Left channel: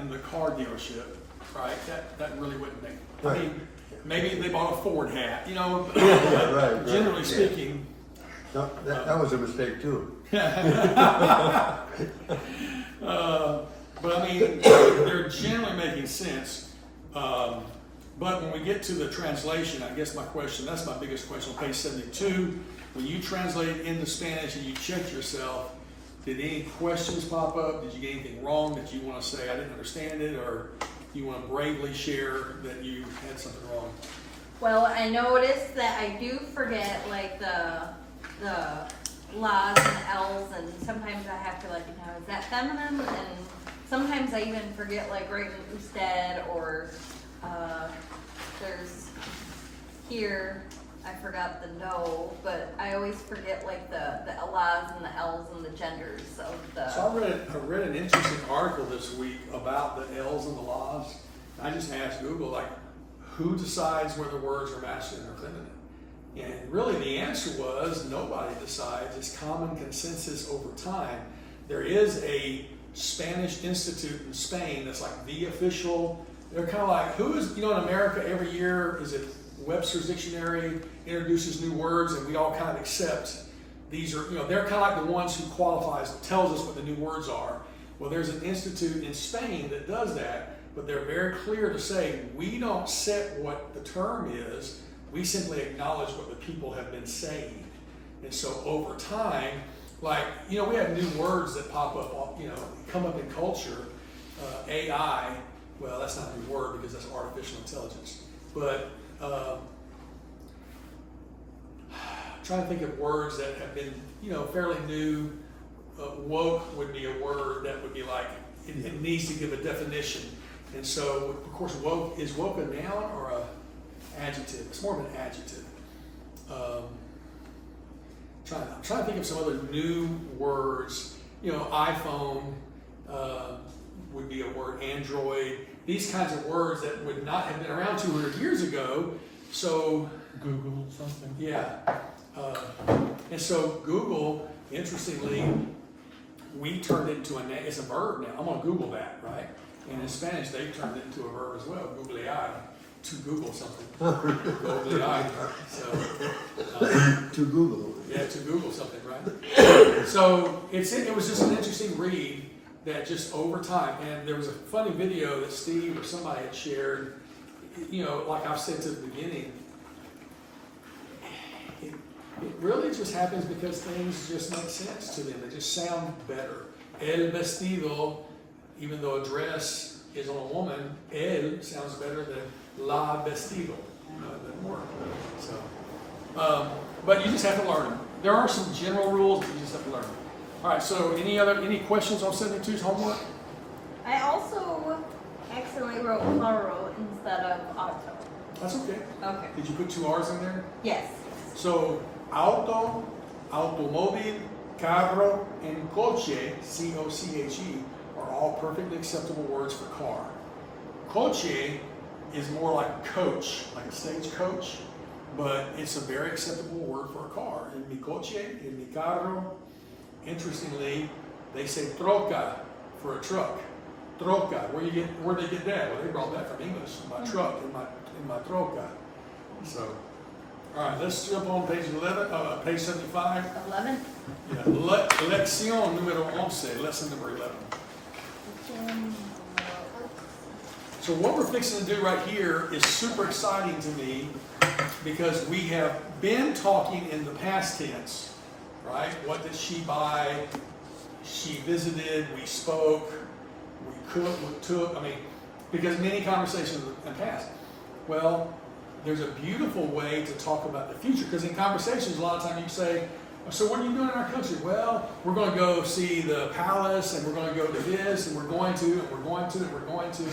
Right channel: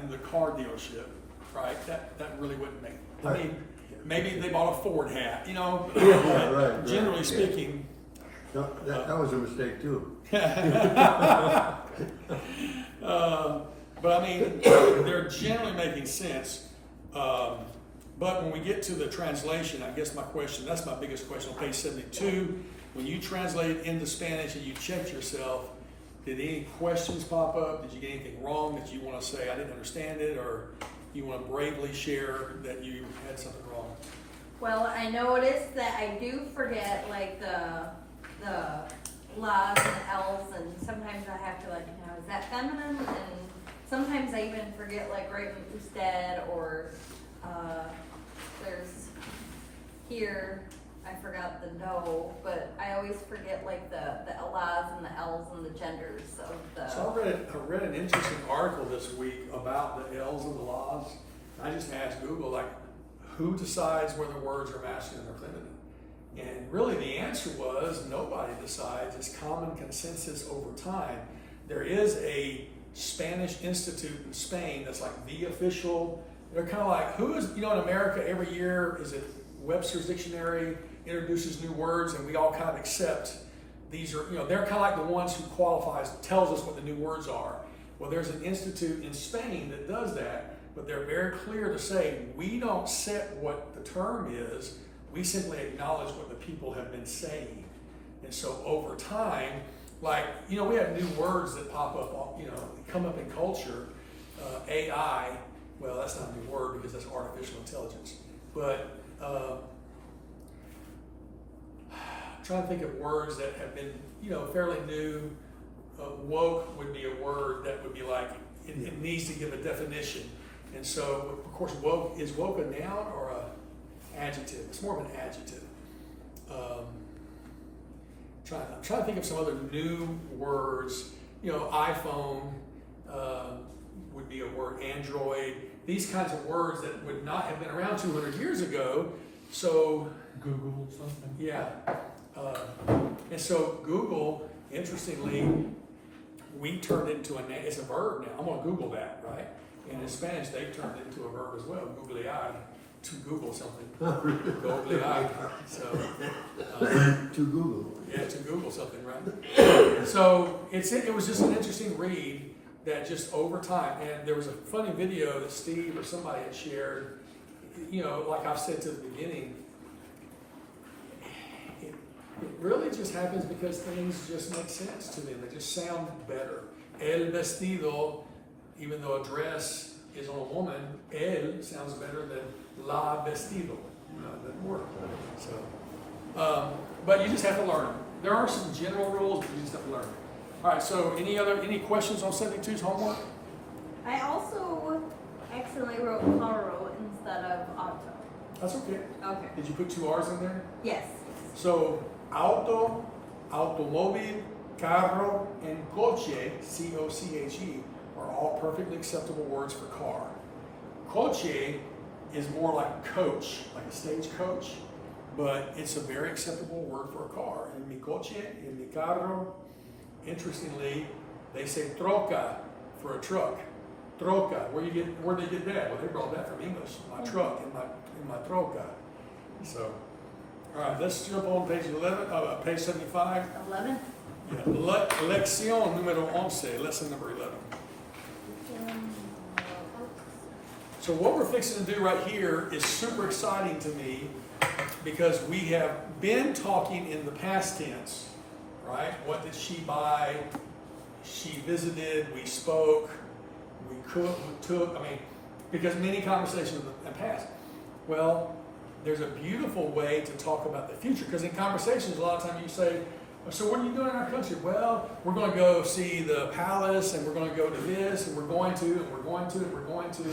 in the car dealership, right? That really wouldn't make. I Right. mean, maybe they bought a Ford hat, you know. Yeah, right. Generally speaking. No, that was a mistake too. But I mean, they're generally making sense. But when we get to the translation, I guess that's my biggest question on page 72. When you translate it into Spanish and you check yourself, did any questions pop up? Did you get anything wrong that you want to say, I didn't understand it, or you want to bravely share that you had something wrong? Well, I noticed that I do forget like the la's and L's, and sometimes I have to like, is that feminine? And sometimes I even forget like writing usted, or there's here, I forgot the no, but I always forget like the la's and the L's and the genders of the. So I read an interesting article this week about the L's and the laws. I just asked Google, like, who decides whether words are masculine or feminine? And really the answer was nobody decides. It's common consensus over time. There is a Spanish institute in Spain that's like the official. They're kind of like, who is, in America every year, is it Webster's Dictionary introduces new words and we all kind of accept these are, they're kind of like the ones who tells us what the new words are. Well, there's an institute in Spain that does that, but they're very clear to say, we don't set what the term is, we simply acknowledge what the people have been saying. And so over time, like, we have new words that pop up, come up in culture. AI, well, that's not a new word because that's artificial intelligence. But trying to think of words that have been, fairly new. Woke would be a word that would be like, it needs to give a definition. And so, of course, woke, is woke a noun or a adjective? It's more of an adjective. I'm trying to think of some other new words. iPhone would be a word, Android, these kinds of words that would not have been around 200 years ago. So, Google something. yeah. And so Google, interestingly, we turned it into it's a verb now. I'm going to Google that, right? And in Spanish, they've turned it into a verb as well, googlear, to Google something. Googlear. So, To Google. yeah, to Google something, right? So it was just an interesting read that just over time, and there was a funny video that Steve or somebody had shared, like I've said to the beginning, it really just happens because things just make sense to them. They just sound better. El vestido, even though a dress is on a woman, el sounds better than la vestido. It doesn't work. So, but you just have to learn them. There are some general rules, but you just have to learn them. All right. So, any questions on 72's homework? I also accidentally wrote plural instead of auto. That's okay. Okay. Did you put 2 R's in there? Yes. So, auto, automóvil, carro, and coche, C-O-C-H-E, are all perfectly acceptable words for car. Coche is more like coach, like a stagecoach, but it's a very acceptable word for a car. In mi coche, in mi carro, interestingly, they say troca for a truck. Troca, where they get that? Well, they brought that from English. My truck, in my troca. So, all right, let's jump on page 11, page 75. 11. Lección número 11, lesson number 11. So what we're fixing to do right here is super exciting to me because we have been talking in the past tense, right? What did she buy? She visited, we spoke, we cooked, we took, because many conversations have passed. Well, there's a beautiful way to talk about the future because in conversations a lot of times you say, so what are you doing in our country? Well, we're going to go see the palace and we're going to go to this and we're going to and we're going to and we're going to.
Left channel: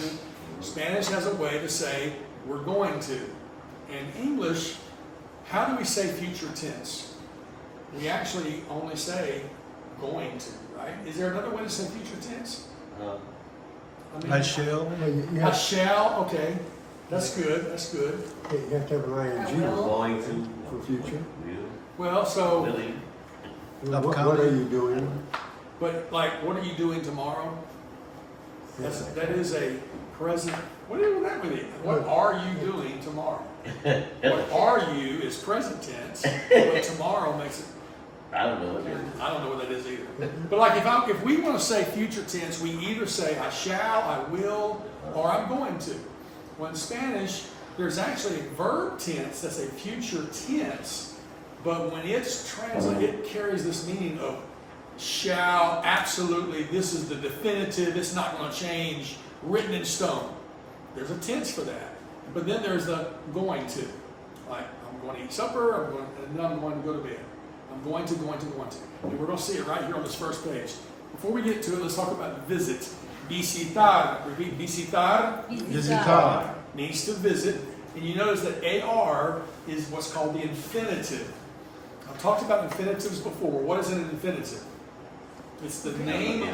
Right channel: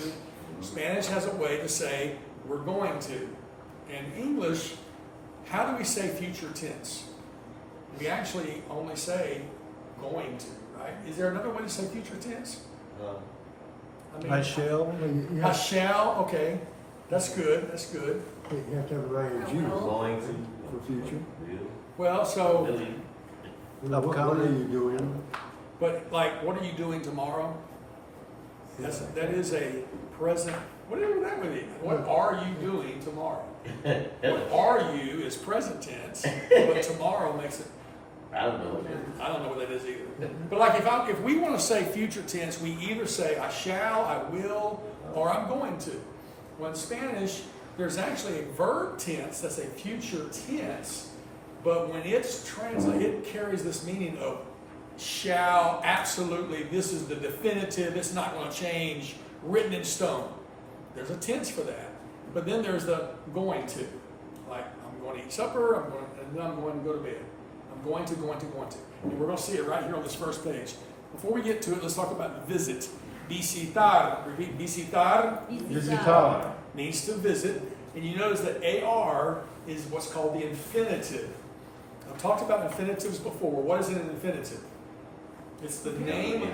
Spanish has a way to say we're going to. In English, how do we say future tense? We actually only say going to, right? Is there another way to say future tense? No. I shall. I shall, okay. That's good, that's good. You have to have an ing Going to. for future. Well, so, Willing. What are you doing? but like, what are you doing tomorrow? That is a present. What is that with you? What are you doing tomorrow? What are you is present tense, but tomorrow makes it. I don't know. I don't know what that is either. But like if we want to say future tense, we either say I shall, I will, or I'm going to. Well, in Spanish, there's actually a verb tense that's a future tense, but when it's translated, it carries this meaning of shall, absolutely, this is the definitive, it's not going to change, written in stone. There's a tense for that. But then there's the going to. Like, I'm going to eat supper, and then I'm going to go to bed. I'm going to. And we're going to see it right here on this first page. Before we get to it, let's talk about visit. Visitar. Repeat, visitar. Visitar. Means to visit. And you notice that AR is what's called the infinitive. I've talked about infinitives before. What is an infinitive? It's the name,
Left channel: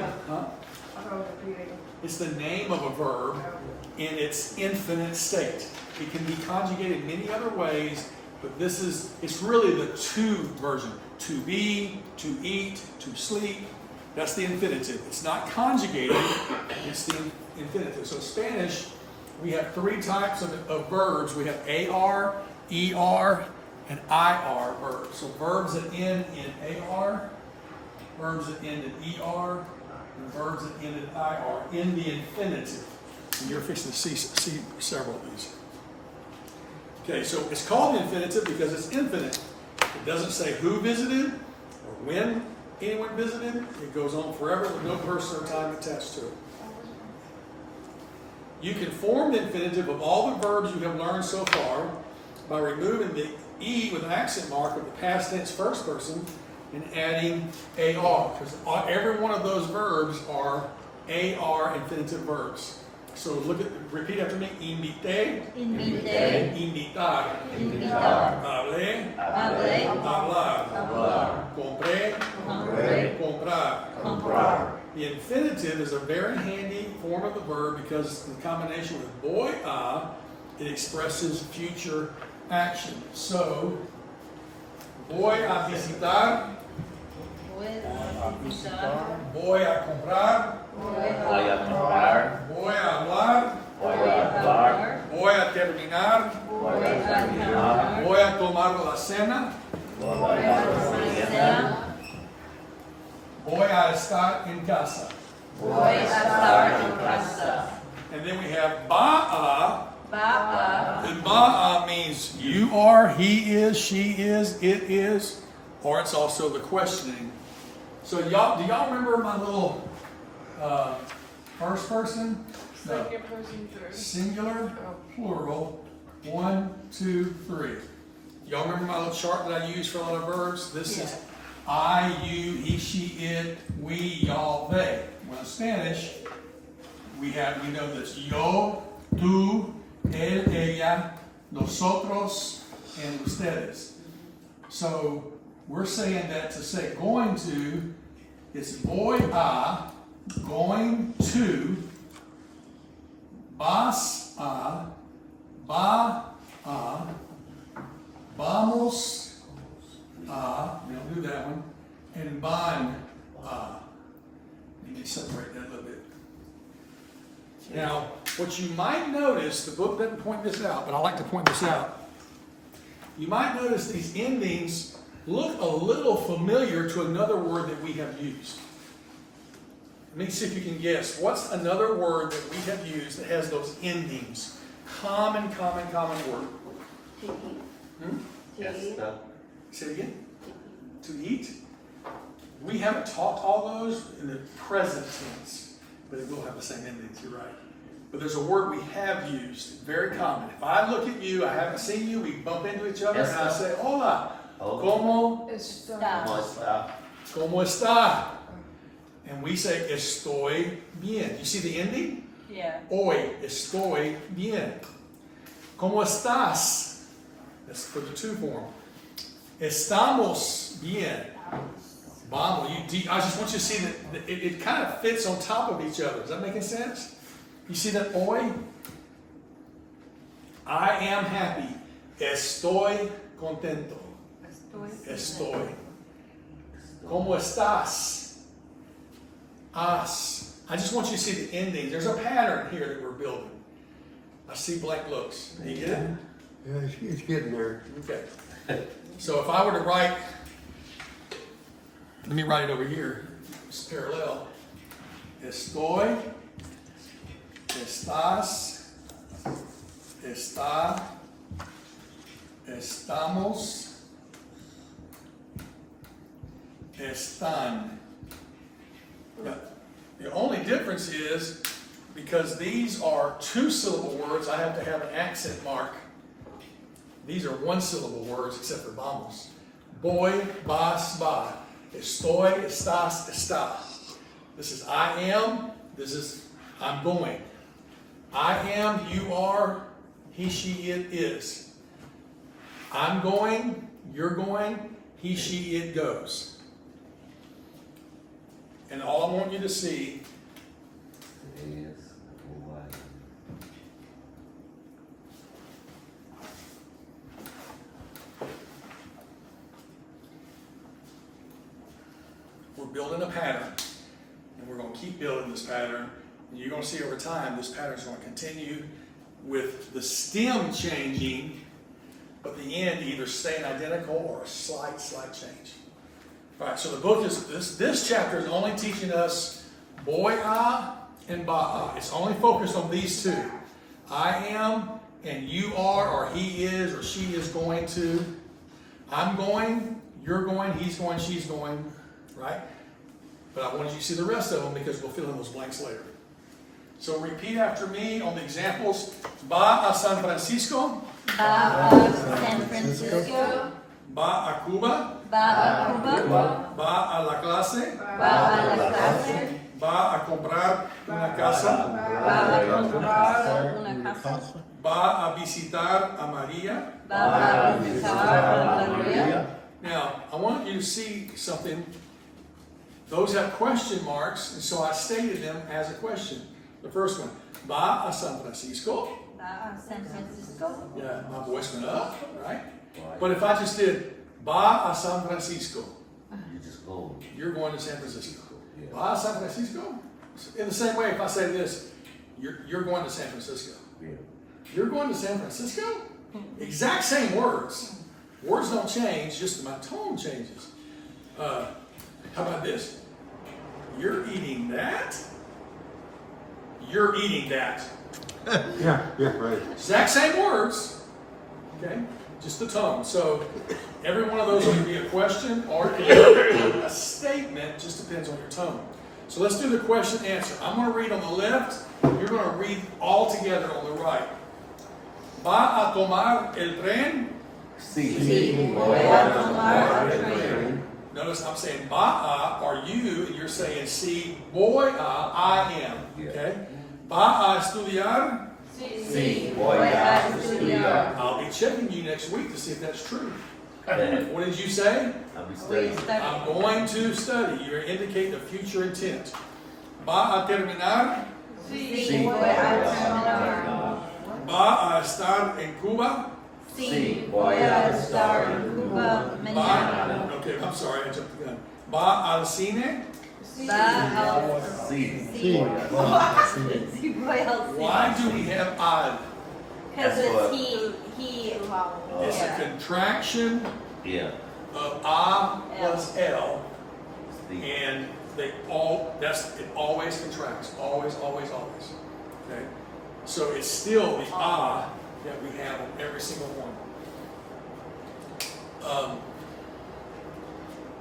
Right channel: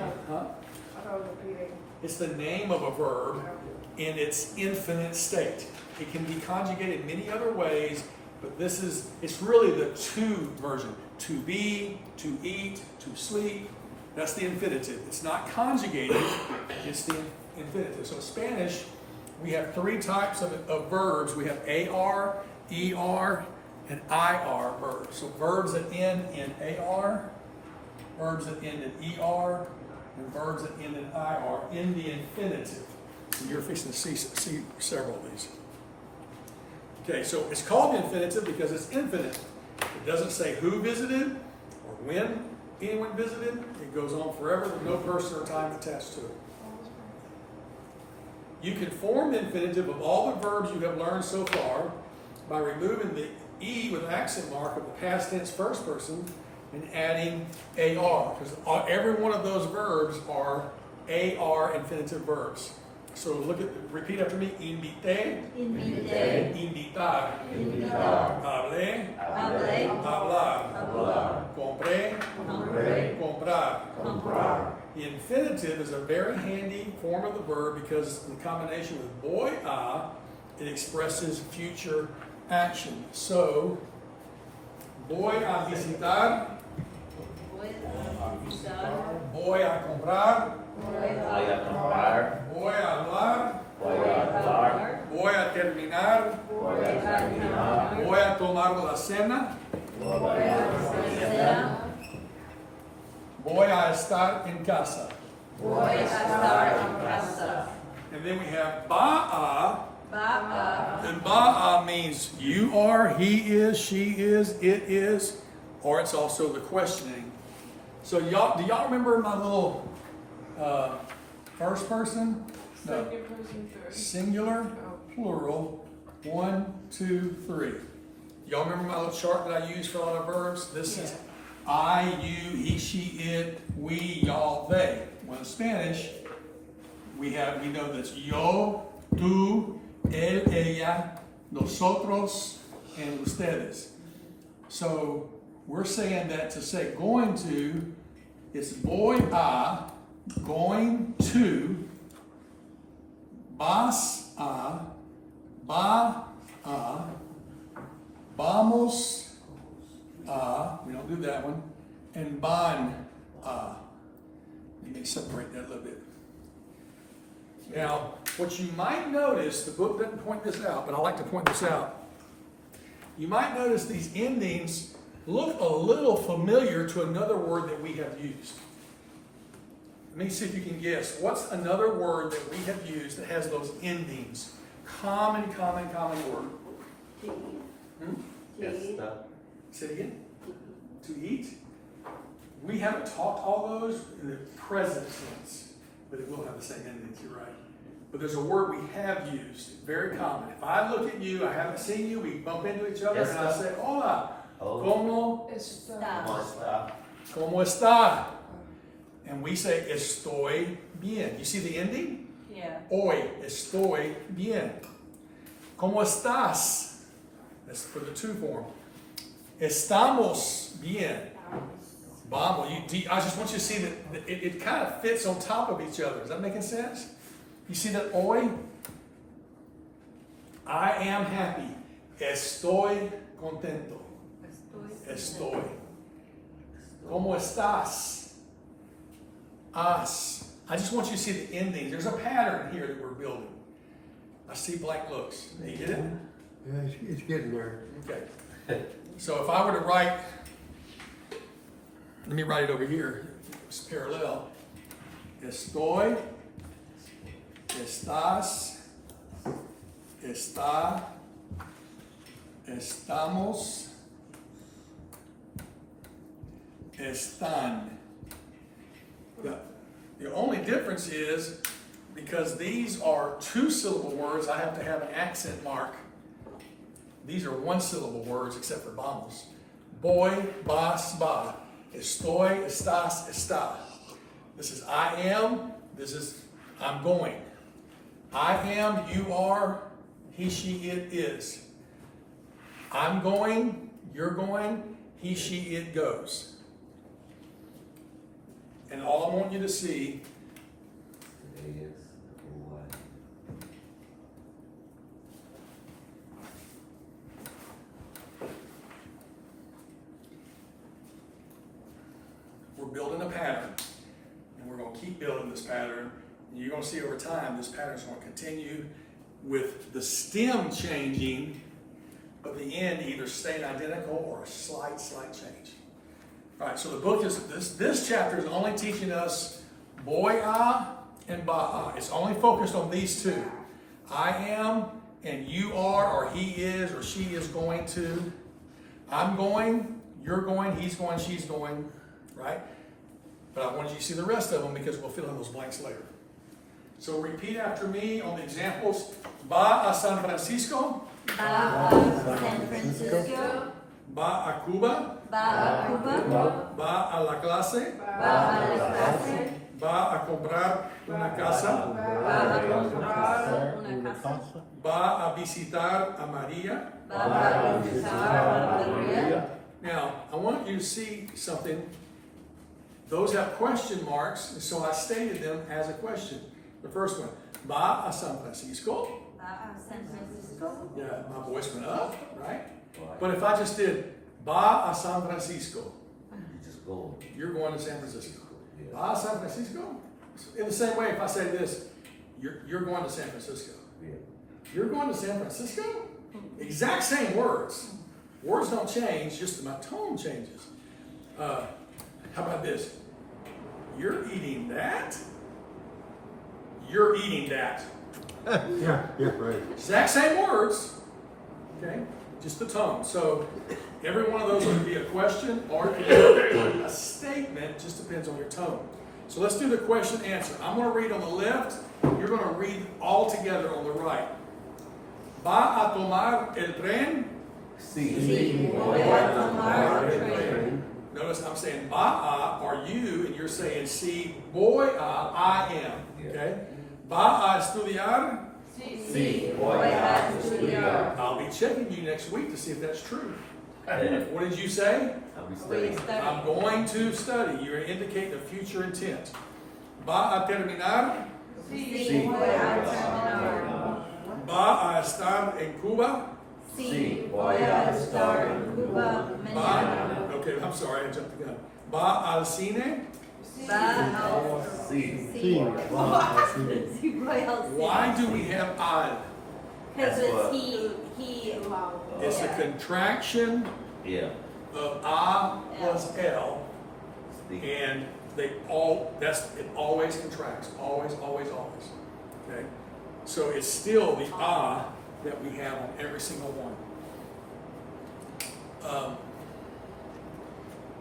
It's the name of a verb in its infinite state. It can be conjugated many other ways, but it's really the to version. To be, to eat, to sleep. That's the infinitive. It's not conjugated, it's the infinitive. So Spanish, we have three types of verbs. We have AR, ER, and IR verbs. So verbs that end in AR, verbs that end in ER, and verbs that end in IR in the infinitive. And you're fixing to see several of these. Okay, so it's called the infinitive because it's infinite. It doesn't say who visited or when anyone visited. It goes on forever with no person or time attached to it. You can form the infinitive of all the verbs you have learned so far by removing the E with accent mark of the past tense first person and adding AR, because every one of those verbs are AR infinitive verbs. So repeat after me. Invité, invitar, hablé, hablar, compré, comprar. The infinitive is a very handy form of the verb because in combination with voy a, it expresses future action. So, voy a visitar, voy a comprar, voy a hablar, voy a terminar, voy a tomar la cena, voy a estar en casa. And then we have ba'a. And ba'a means you are, he is, she is, it is, or it's also the questioning. So do y'all remember my little first person? No. Second person, third. Singular, plural, 1, 2, 3. Y'all remember my little chart that I use for all the verbs? This is I, you, he, she, it, we, y'all, they. Well, in Spanish, we know that's yo, tú, él, ella, nosotros, and ustedes. So we're saying that to say going to, it's voy a, going to, vas a, va a, vamos a, we don't do that one, and van a. Let me separate that a little bit. Now, what you might notice, the book doesn't point this out, but I like to point this out. You might notice these endings look a little familiar to another word that we have used. Let me see if you can guess. What's another word that we have used that has those endings? Common word. Yes, no. Say it again. To eat. We haven't taught all those in the present tense, but it will have the same endings, you're right. But there's a word we have used, very common. If I look at you, I haven't seen you, we bump into each other, and I say, hola, ¿cómo está? And we say, estoy bien. You see the ending? Yeah. Hoy estoy bien. ¿Cómo estás? That's for the to form. Estamos bien. Vamos. I just want you to see that it kind of fits on top of each other. Is that making sense? You see that hoy? I am happy. Estoy contento. Estoy. ¿Cómo estás? Has. I just want you to see the ending. There's a pattern here that we're building. I see blank looks. Do you get it? Yeah, it's getting there. Okay. So if I were to write, let me write it over here. It's parallel. Estoy, estás, está, estamos, están. Yeah. The only difference is because these are two-syllable words, I have to have an accent mark. These are one-syllable words except for vamos. Voy, vas, va. Estoy, estás, está. This is I am. This is I'm going. I am, you are, he, she, it is. I'm going, you're going, he, she, it goes. And all I want you to see we're building a pattern, and we're going to keep building this pattern. And you're going to see over time this pattern is going to continue with the stem changing, but the end either staying identical or a slight change. All right, so the book is this chapter is only teaching us boy-a and ba-a. It's only focused on these two. I am and you are, or he is, or she is going to. I'm going, you're going, he's going, she's going, right? But I wanted you to see the rest of them because we'll fill in those blanks later. So repeat after me on the examples. Va a San Francisco. Ba a San Francisco. Va a Cuba. Ba a Cuba. Va a la clase. Ba a la clase. Va a comprar una casa. Va a comprar una casa. Va a visitar a María. Va a visitar a María. Now, I want you to see something. Those have question marks, and so I stated them as a question. The first one, va a San Francisco. Va a San Francisco. Yeah, my voice went up, right? But if I just did va a San Francisco, You just go. you're going to San Francisco. Va a San Francisco? In the same way, if I say this, you're going to San Francisco. Yeah. You're going to San Francisco? Exact same words. Words don't change, just my tone changes. How about this? You're eating that? You're eating that. Yeah, right. Exact same words, okay? Just the tone. So every one of those will be a question or a statement, just depends on your tone. So let's do the question answer. I'm going to read on the left, you're going to read all together on the right. Va a tomar el tren? Sí, voy a tomar el tren. Notice I'm saying va a, or you, and you're saying sí, voy a, I am, okay? Va a estudiar? Sí, voy a estudiar. I'll be checking you next week to see if that's true. What did you say? I'll be Voy a studying. I'm estudiar. going to study. You're indicating a future intent. Va a terminar? Sí, voy a terminar. Va a estar en Cuba? Sí, voy a estar en Cuba mañana. Okay, I'm sorry, I jumped the gun. Va al cine? Va al See. sí. Wow, Sí, voy al cine. Why do we have al? Because That's what- he. It's a yeah. contraction Yeah. of a plus l, See. and it always contracts, always. Okay, so it's still the a that we have on every single one.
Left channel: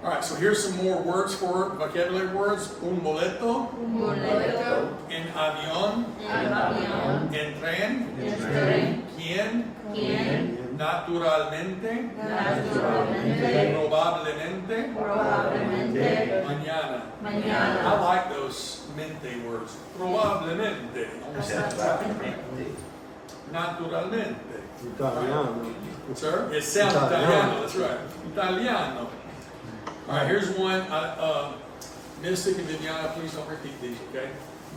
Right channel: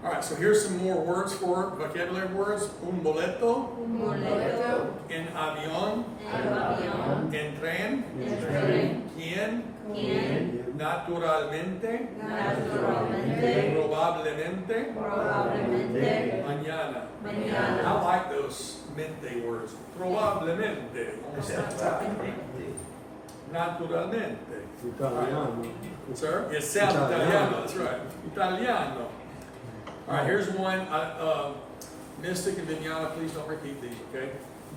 All right, so here's some more words for vocabulary words. Un boleto, Un boleto. en avión, En avión. en tren, En tren. quién, ¿Quién? naturalmente, Naturalmente. probablemente, Probablemente. mañana. Mañana. I like those mente words. Probablemente. Almost like that. Naturalmente. Italiano. Sir? It sounds Italiano, that's right. Italiano. All right, here's one. Mystic and Viviana, please don't repeat these, okay?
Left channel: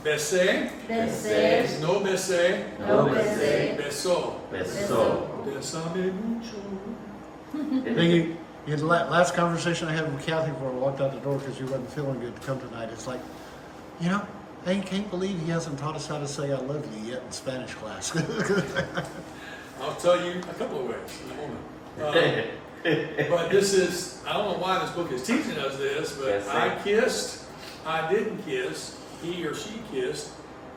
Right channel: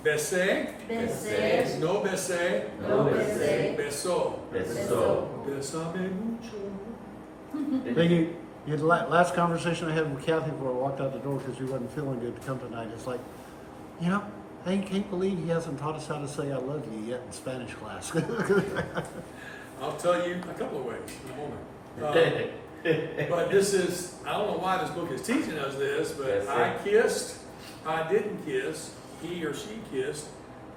Besé. Besé. No besé. No besé. Besó. Beso. Besame mucho. Biggie, the last conversation I had with Kathy before I walked out the door because she wasn't feeling good to come tonight, it's like, you know, I can't believe he hasn't taught us how to say I love you yet in Spanish class. I'll tell you a couple of ways in a moment. But this is, I don't know why this book is teaching us this, but Yes, I sir. kissed, I didn't kiss, he or she kissed.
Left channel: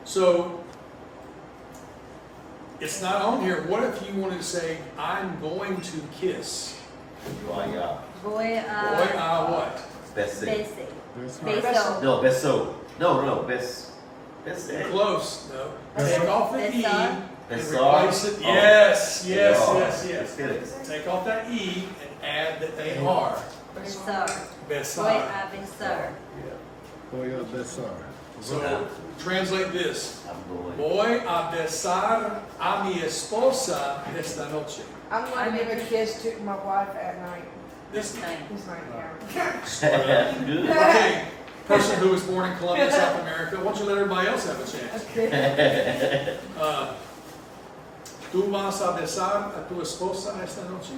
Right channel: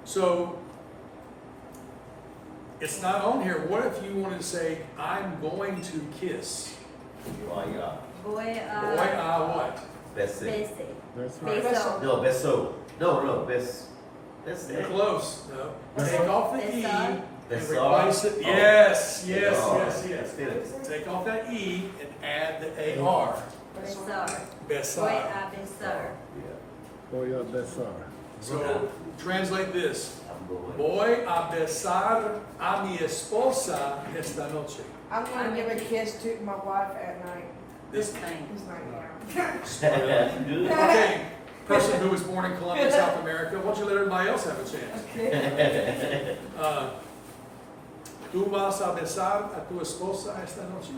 So it's not on here. What if you wanted to say, I'm going to kiss? Vaya. Boy, Boy, what? Best basic. say. That's Beso. No, best so. No, best. Best say. Close, no. That's Take right. off the E Besar. and Besar. replace it. Oh. Yes, Oh, yes. good. Take off that E and add the AR. Besar. Boy, Besar. a besar. Boy, you're besar. So translate this. I'm going. Voy a besar a mi esposa esta noche. I'm gonna give a kiss to my wife at night. This This thing. He's right now. Good. okay, person who was born in Colombia, South America. Why don't you let everybody else have a chance? ¿Tú vas a besar a tu esposa esta noche?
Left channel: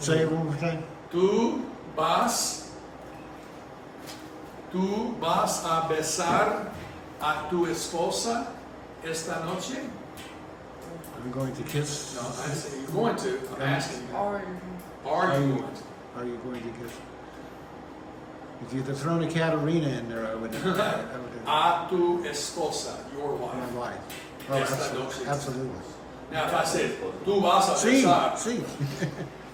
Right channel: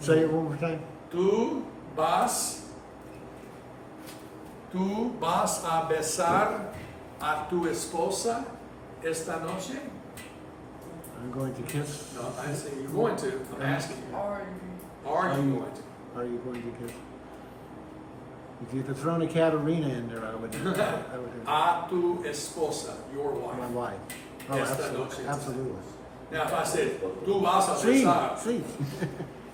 Say it one more time. ¿Tú vas a besar a tu esposa esta noche? I'm going to kiss. No, I say you're going to. I'm asking you. Or Are you going to? Are you going to kiss? If you'd have thrown a Katarina in there, I would have. A tu esposa, your My wife. wife. Oh, Esta absolutely. noche. Absolutely. Now, if I said, tú vas a See, besar, see.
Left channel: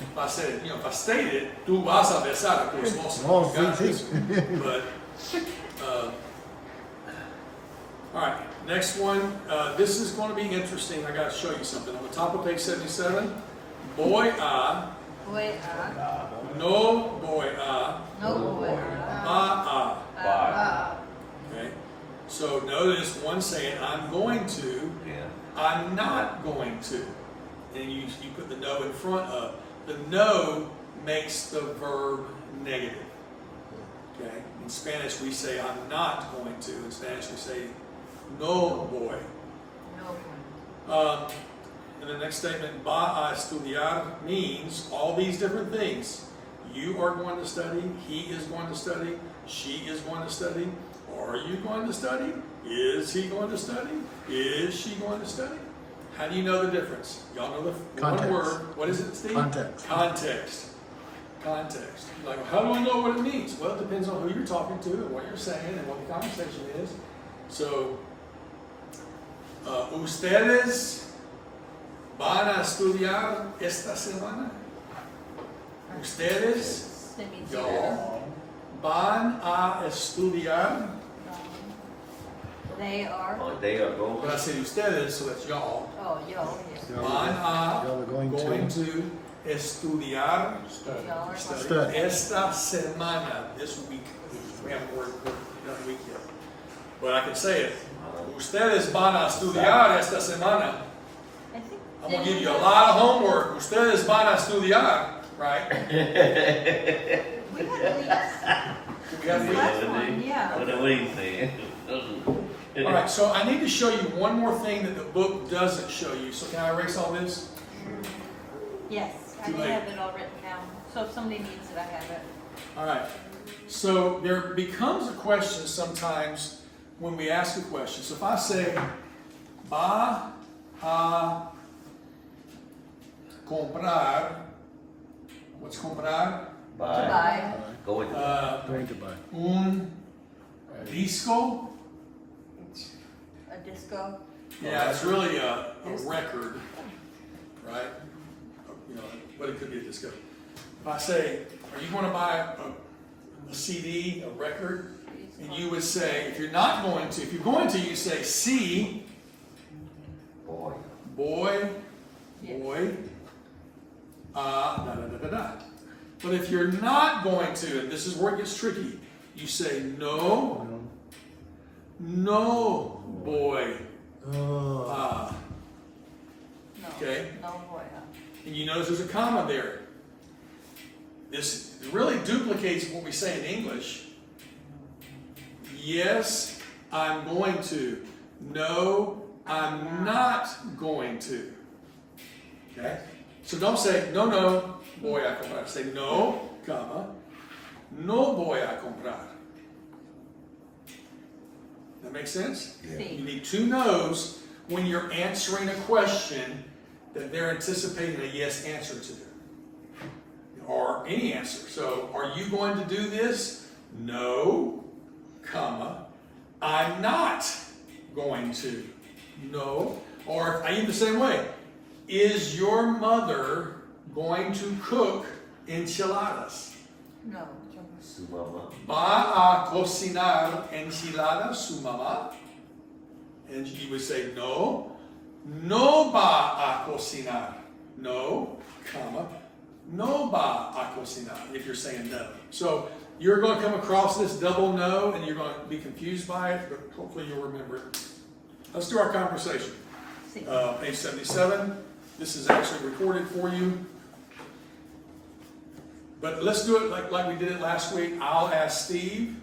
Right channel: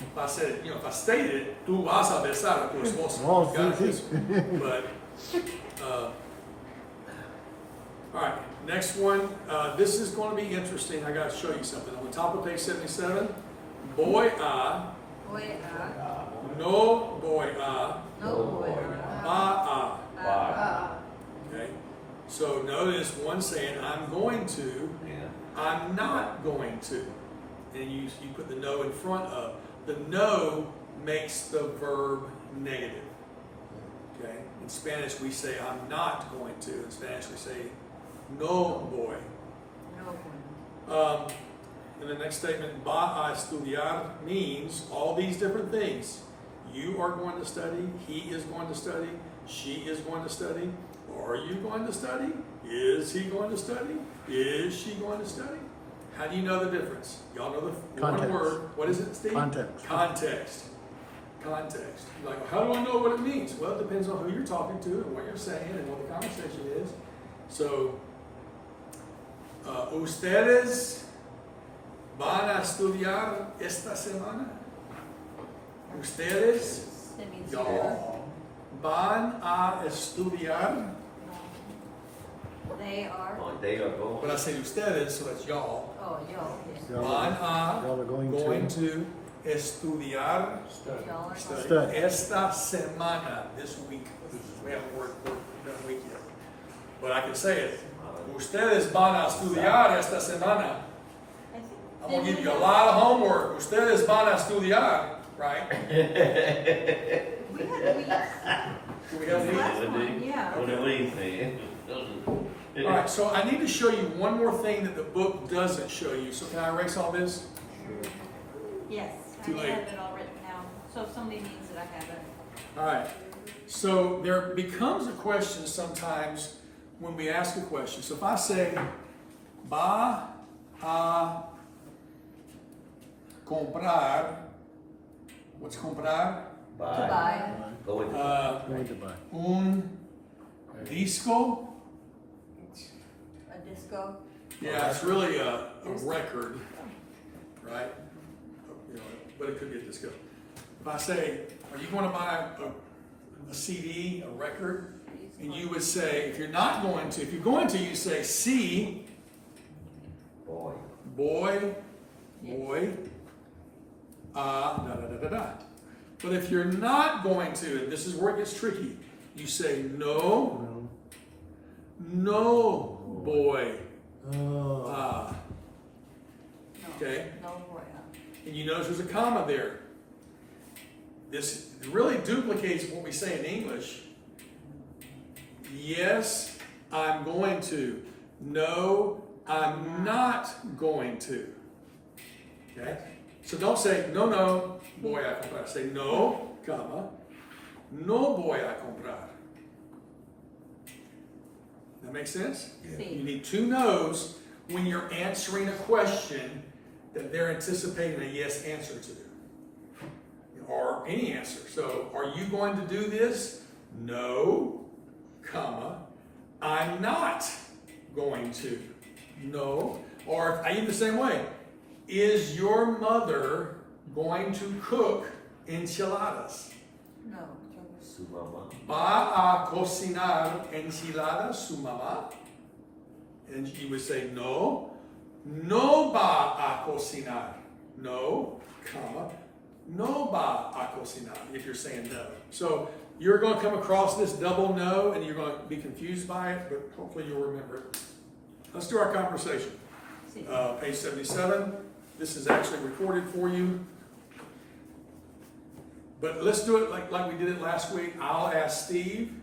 if I said, if I stated, tú vas a besar a tu esposa, Oh, you got sí, this one. But, all right, next one. This is going to be interesting. I got to show you something. On the top of page 77, boy a, boy, a. no boy a, No boy, a. Wow. Okay? So notice one saying, I'm going to, Yeah. I'm not going to. And you put the no in front of. The no makes the verb negative. Okay? In Spanish we say I'm not going to. In Spanish we say no boy. no. And the next statement, va a estudiar, means all these different things. You are going to study, he is going to study, she is going to study. Are you going to study? Is he going to study? Is she going to study? How do you know the difference? Y'all know the Context. one word. What is it, Steve? Context. Context. Context. Like, how do I know what it means? Well, it depends on who you're talking to and what you're saying and what the conversation is. So, ustedes van a estudiar esta semana. Ustedes, That means y'all, van a estudiar. they are. Oh, they are going. But I said ustedes, so that's y'all. Oh, yo. Yes. Y'all Van are, a y'all are going to estudiar Y'all are Study. esta semana, this week. We haven't worked that week yet. But I can say it. Ustedes van a estudiar esta semana. I think. I'm going to give you a lot of homework. Ustedes van a estudiar, right? We had weeks. Do we have weeks? That's fine, yeah. What do we say? All right, so I need to show you one more thing that the book doesn't show you. So can I erase all this? Yes, I Too late. have it all written down. So if somebody needs it, I have it. All right. So there becomes a question sometimes when we ask a question. So if I say, va a comprar, what's comprar? Bye. Goodbye. Going. going to buy. Un disco. A disco. Yeah, it's really a record, right? You know, but it could be a disco. If I say, are you going to buy a CD, a record? And you would say, if you're not going to, if you're going to, you say, see, Boy. boy, da da da da da. But if you're not going to, and this is where it gets tricky, you say, no, no, boy, Oh. ah. No. Okay. No boy. And you notice there's a comma there. This really duplicates what we say in English. Yes, I'm going to. No, I'm not going to. Okay? So don't say, no, boy, I say no, comma. no voy a comprar. That makes sense? You Sí. need two no's when you're answering a question that they're anticipating a yes answer to, or any answer. So, are you going to do this? No, comma, I'm not going to. No, or I eat the same way. Is your mother going to cook enchiladas? No. Su mamá. Va a cocinar enchiladas su mamá? And you would say, no, no va a cocinar. No, comma, no va a cocinar, if you're saying no. So you're going to come across this double no, and you're going to be confused by it, but hopefully you'll remember it. Let's do our conversation. Sí. Page 77. This is actually recorded for you. But let's do it like we did it last week. I'll ask Steve.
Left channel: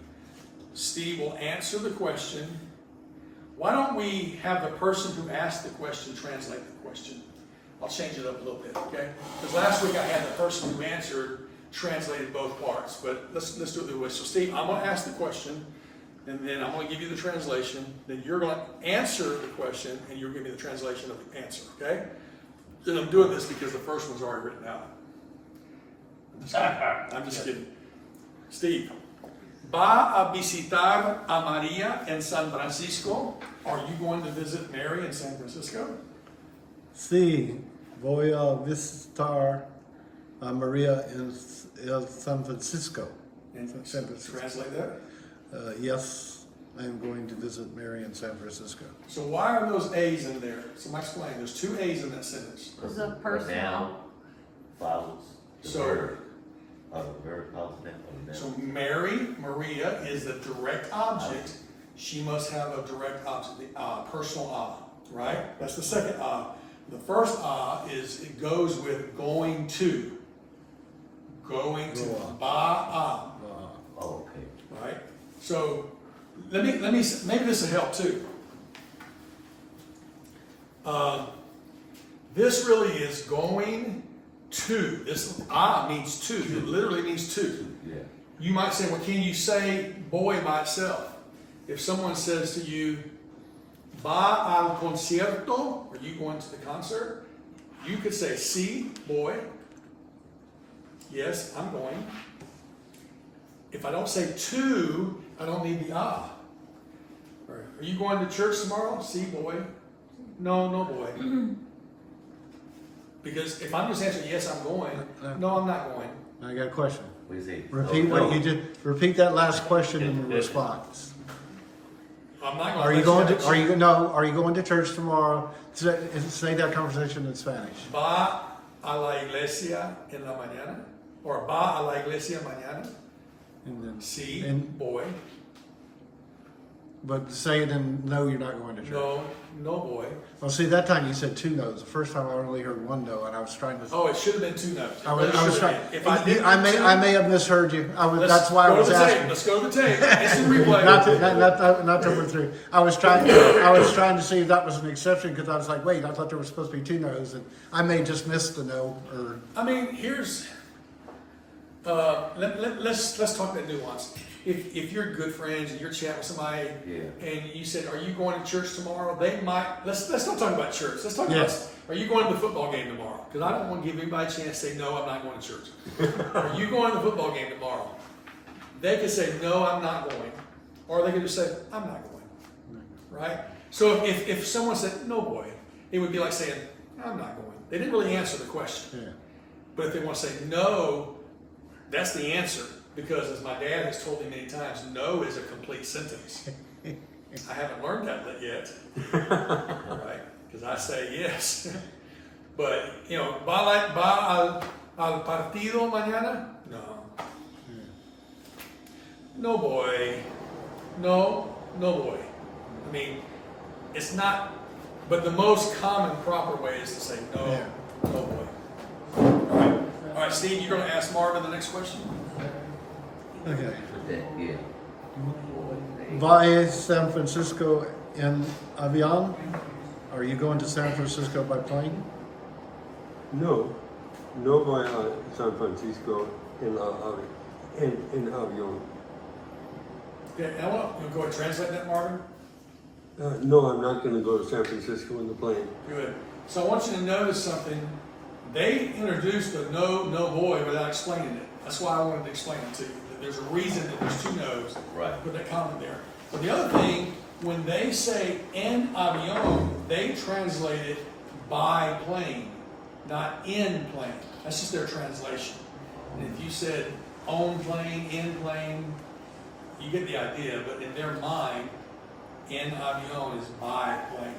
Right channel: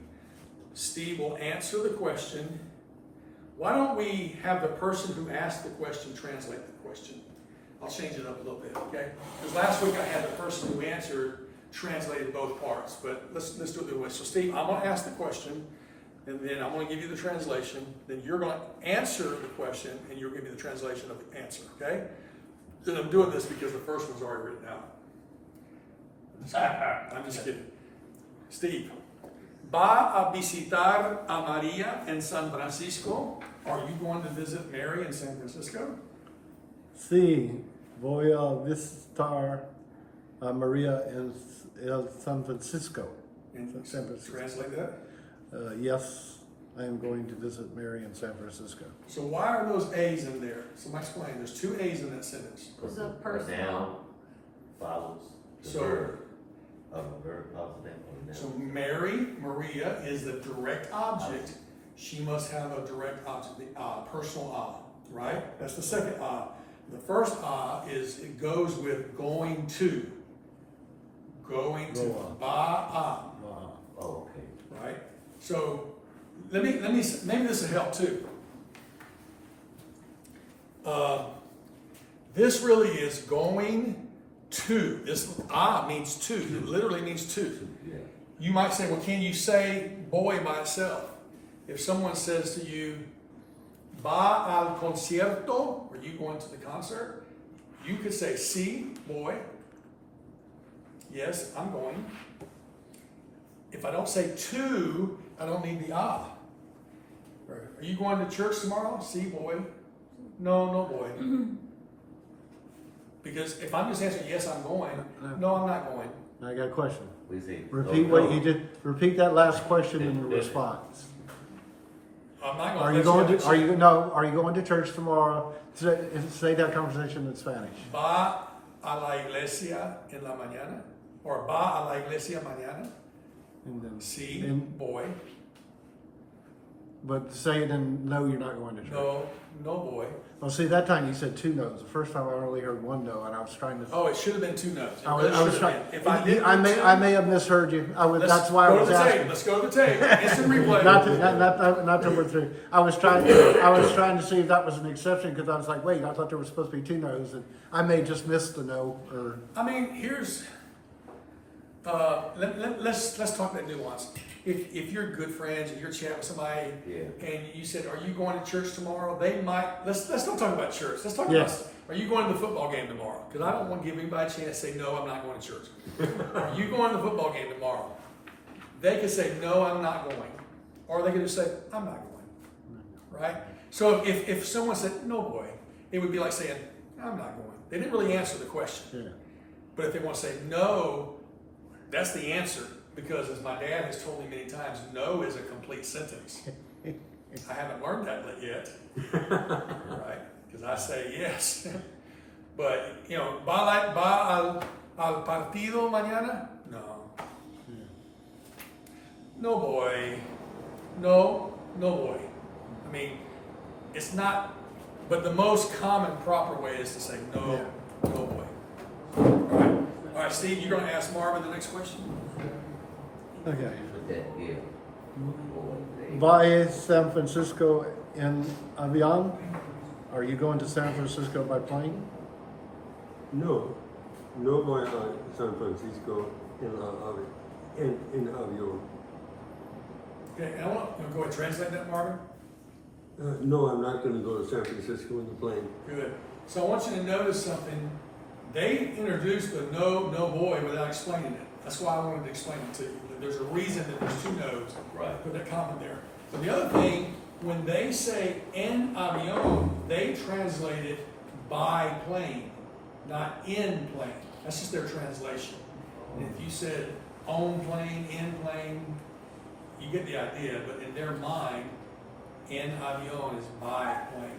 Steve will answer the question. Why don't we have the person who asked the question translate the question? I'll change it up a little bit, okay? Because last week I had the person who answered translated both parts. But let's do it the way. So Steve, I'm going to ask the question, and then I'm going to give you the translation. Then you're going to answer the question, and you're going to give me the translation of the answer, okay? Then I'm doing this because the first one's already written out. I'm just kidding. Steve, ¿va a visitar a María en San Francisco? Are you going to visit Mary in San Francisco? Sí, voy a visitar a Maria en San Francisco. San Francisco. Translate that. Yes, I am going to visit Mary in San Francisco. So why are those A's in there? Somebody explain. There's two A's in that sentence. Because the personal. Noun follows the So- verb. Verb follows noun. So Mary, Maria, is the direct object. She must have a direct object, personal right? That's the second The first is, it goes with going to. Going to. Go on. Ba Oh, okay. right? So let me maybe this will help too. This really is going to. This means to. It literally means to. Yeah. You might say, well, can you say boy by itself? If someone says to you, va al concierto, are you going to the concert? You could say, sí, boy. Yes, I'm going. If I don't say to, I don't need the ah. Or, are you going to church tomorrow? Sí, boy. No, no, boy. Because if I'm just answering, yes, I'm going. No, I'm not going. I got a question. We say. Repeat what you did. Repeat that last question in the response. I'm not Are you going to? Are you no? Are you going to church tomorrow? Say that conversation in Spanish. Va a la iglesia en la mañana? Or va a la iglesia mañana? And then, Sí, and, boy. but say it in no, you're not going to church. No, no, boy. Well, see, that time you said two no's. The first time I only heard one no, and I was trying to. Oh, it should have been two notes. I was It should trying. have been. If I did I may have misheard you. let's That's why I go to was the tape. asking. Let's go to the tape. Instant replay. Not till we're through. I was trying to see if that was an exception because I was like, wait, I thought there was supposed to be two no's, and I may just miss the no. Or I mean, here's let's talk that nuance. If you're good friends and you're chatting with somebody, Yeah. and you said, "Are you going to church tomorrow?" They might. Let's not talk about church. Let's talk Yes. about. Are you going to the football game tomorrow? Because I don't want to give anybody a chance to say, "No, I'm not going to church." Are you going to the football game tomorrow? They can say, "No, I'm not going," or they can just say, "I'm not going." Right? So if someone said, "No, boy," it would be like saying, "I'm not going." They didn't really answer the question. yeah. But if they want to say no, that's the answer. Because as my dad has told me many times, no is a complete sentence. I haven't learned that yet. Right? Because I say yes. But, you know, va al partido mañana? No. No, boy. No, no, boy. I mean, it's not, but the most common proper way is to say no, Yeah. no, boy. All right, Steve, you're going to ask Marvin the next question? Okay. Yeah. Va a San Francisco en avión? Are you going to San Francisco by plane? No, no voy a San Francisco en la en avión. Okay, now what, you go ahead and translate that, Marvin? No, I'm not gonna go to San Francisco in the plane. Good. So I want you to notice something. They introduced the no boy without explaining it. That's why I wanted to explain it to you. That there's a reason that there's two no's. Right. Put that comment there. But the other thing, when they say en avión, they translate it by plane, not in plane. That's just their translation. And if you said on plane, in plane, you get the idea. But in their mind, en avión is by plane.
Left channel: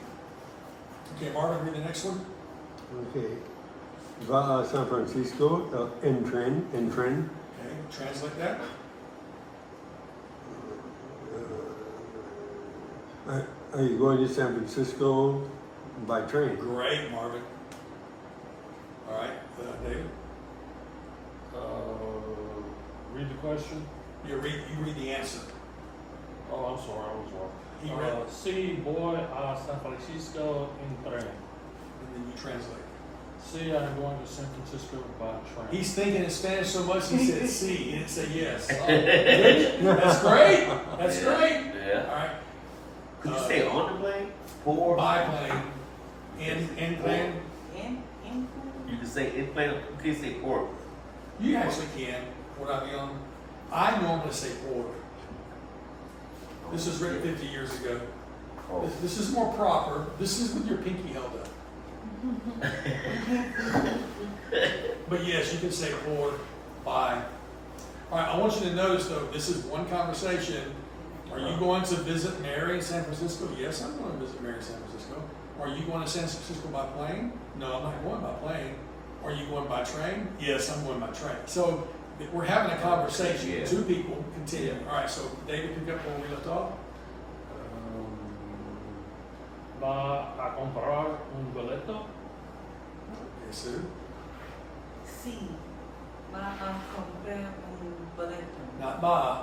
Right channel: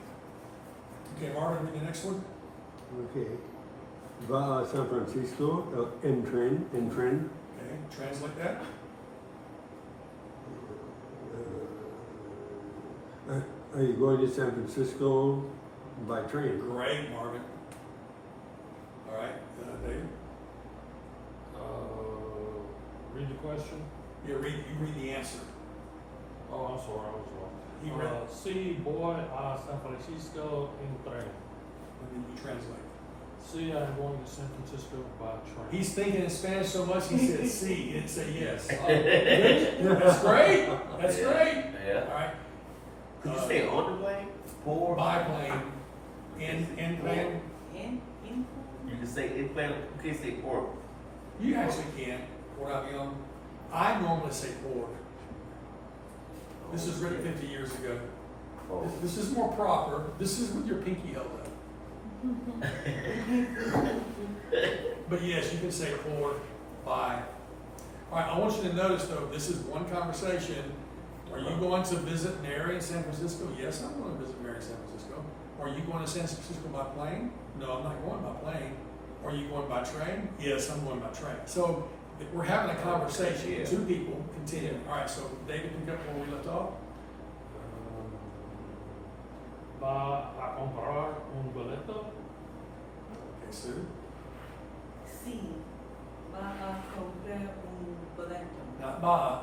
Okay, Marvin, read the next one. Okay. Va a San Francisco en tren. Okay, translate that. Are you going to San Francisco by train? Great, Marvin. All right, David, Read the question. you read the answer. Oh, I'm sorry, I was wrong. He read, Sí, voy a San Francisco en tren. and then you translate. Sí, I'm going to San Francisco by train. He's thinking in Spanish so much he said sí, he didn't say yes. That's great. That's great. Yeah. All right. Could you say on the plane? For? Biplane. In plane. You can say in plane, you can say for. You actually can. What I'm young. I normally say por. This was written 50 years ago. Oh. This is more proper. This is with your pinky held up. But yes, you can say por, by. All right, I want you to notice though, this is one conversation. Are you going to visit Mary in San Francisco? Yes, I'm going to visit Mary in San Francisco. Are you going to San Francisco by plane? No, I'm not going by plane. Are you going by train? Yes, I'm going by train. So we're having a conversation. Yeah. Two people continuing. All right, so David, pick up where we left off. Va a comprar un boleto. Okay, Sue. Sí, va a comprar un boleto. Not by.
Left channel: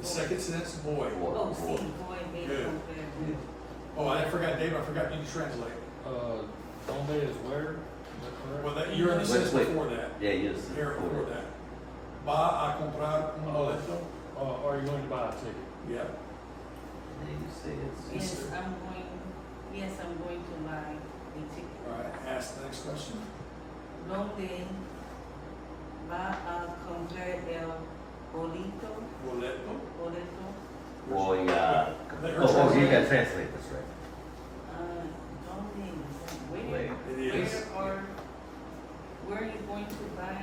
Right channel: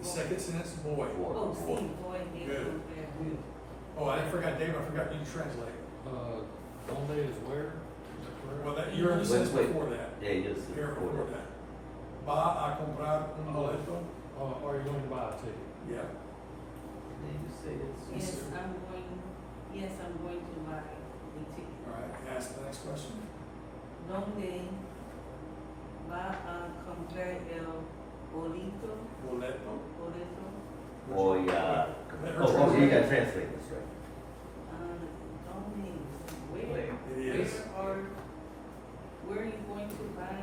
The second sentence, boy. Oh, sí, voy a Good. comprar. Oh, I forgot, Dave, I forgot you to translate. Donde is where? Is that correct? Well, you're in the sentence Wait. before that. Yeah, yes. Here before that. Va a comprar un boleto. Are you going to buy a ticket? Yeah. And then you say it's. Yes, I'm going to buy the ticket. All right, ask the next question. ¿Dónde va a comprar el boleto? Boleto. Boleto. Or yeah. Let her Oh, you translate. gotta translate this, right? ¿Dónde? Where? It is. Where are you going to buy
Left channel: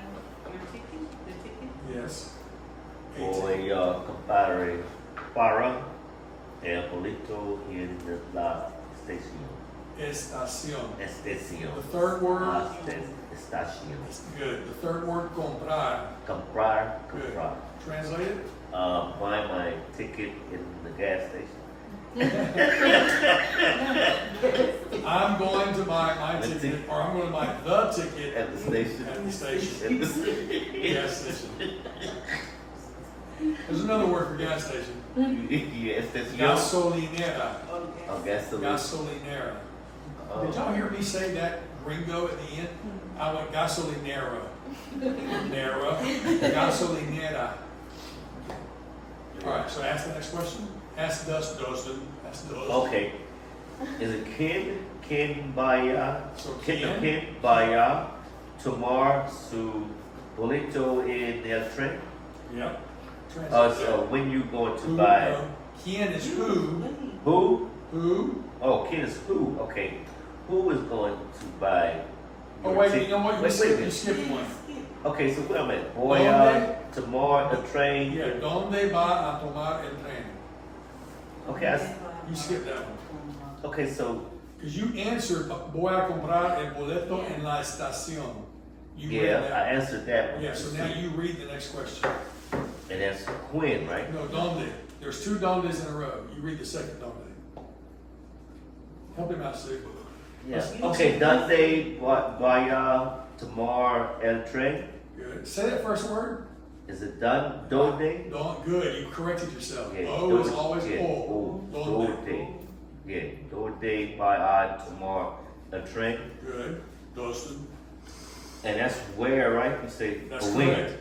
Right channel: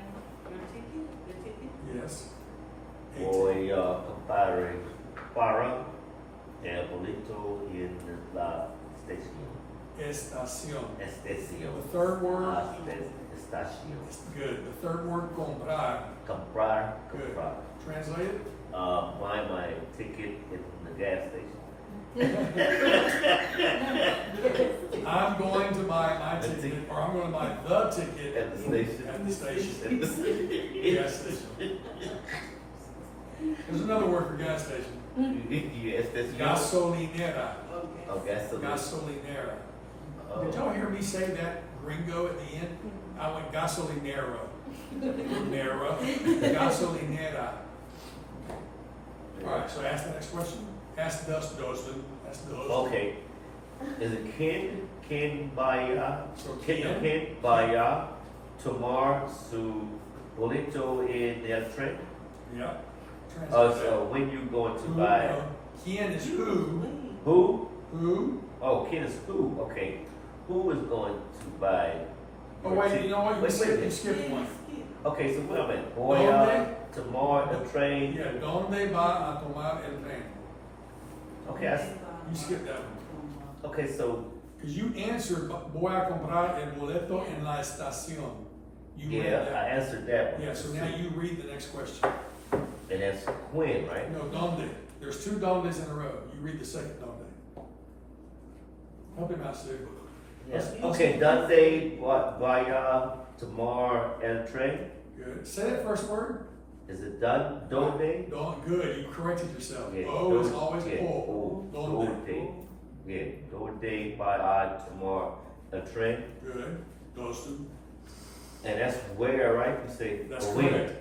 your ticket? The ticket? Yes. Voy a comprar para el boleto en la estación. Estación. Estación. The third word. La estación. Good. The third word, comprar. Comprar. Good. Comprar. Translate it. Buy my ticket in the gas station. I'm going to buy my ticket, or I'm going to buy the ticket At the station. at the station. At the Gas station. There's another word for gas station. Yeah, estación. Gasolinera. Oh, gasoline. Gasolinera. Oh. Did y'all hear me say that gringo at the end? I went gasolinera. Nera. Gasolinera. All right, so ask the next question. Ask Dustin. Ask Dustin. Okay. Is it Ken vaya, So Ken vaya tomar su boleto en el tren? Yeah. Oh, so when you going to Who, buy, Ken is who. who? Who? Oh, Ken is who, okay. Who is going to buy? Oh, your wait, ticket? you know what? You Wait, skipped, wait. you skipped one. Okay, so what am I? Donde? Voy tomar the train. Yeah, ¿dónde va a tomar el tren? Okay, You skipped that one. okay, so, Because you answered, voy a comprar el boleto en la estación. You yeah, read I that. answered that one. Yeah, so now you read the next question. And that's when, right? No, donde. There's two dondes in a row. You read the second donde. Help him out, Sue. Yes. Let's- Okay, donde vaya tomar el tren? Good. Say that first word. Is it done? Donde? Don't. Good. You corrected yourself. Yeah, O is donde- always yeah, O. Donde. Donde. Yeah, donde vaya tomar el tren? Good. Dustin. And that's where, right? You say That's when. correct.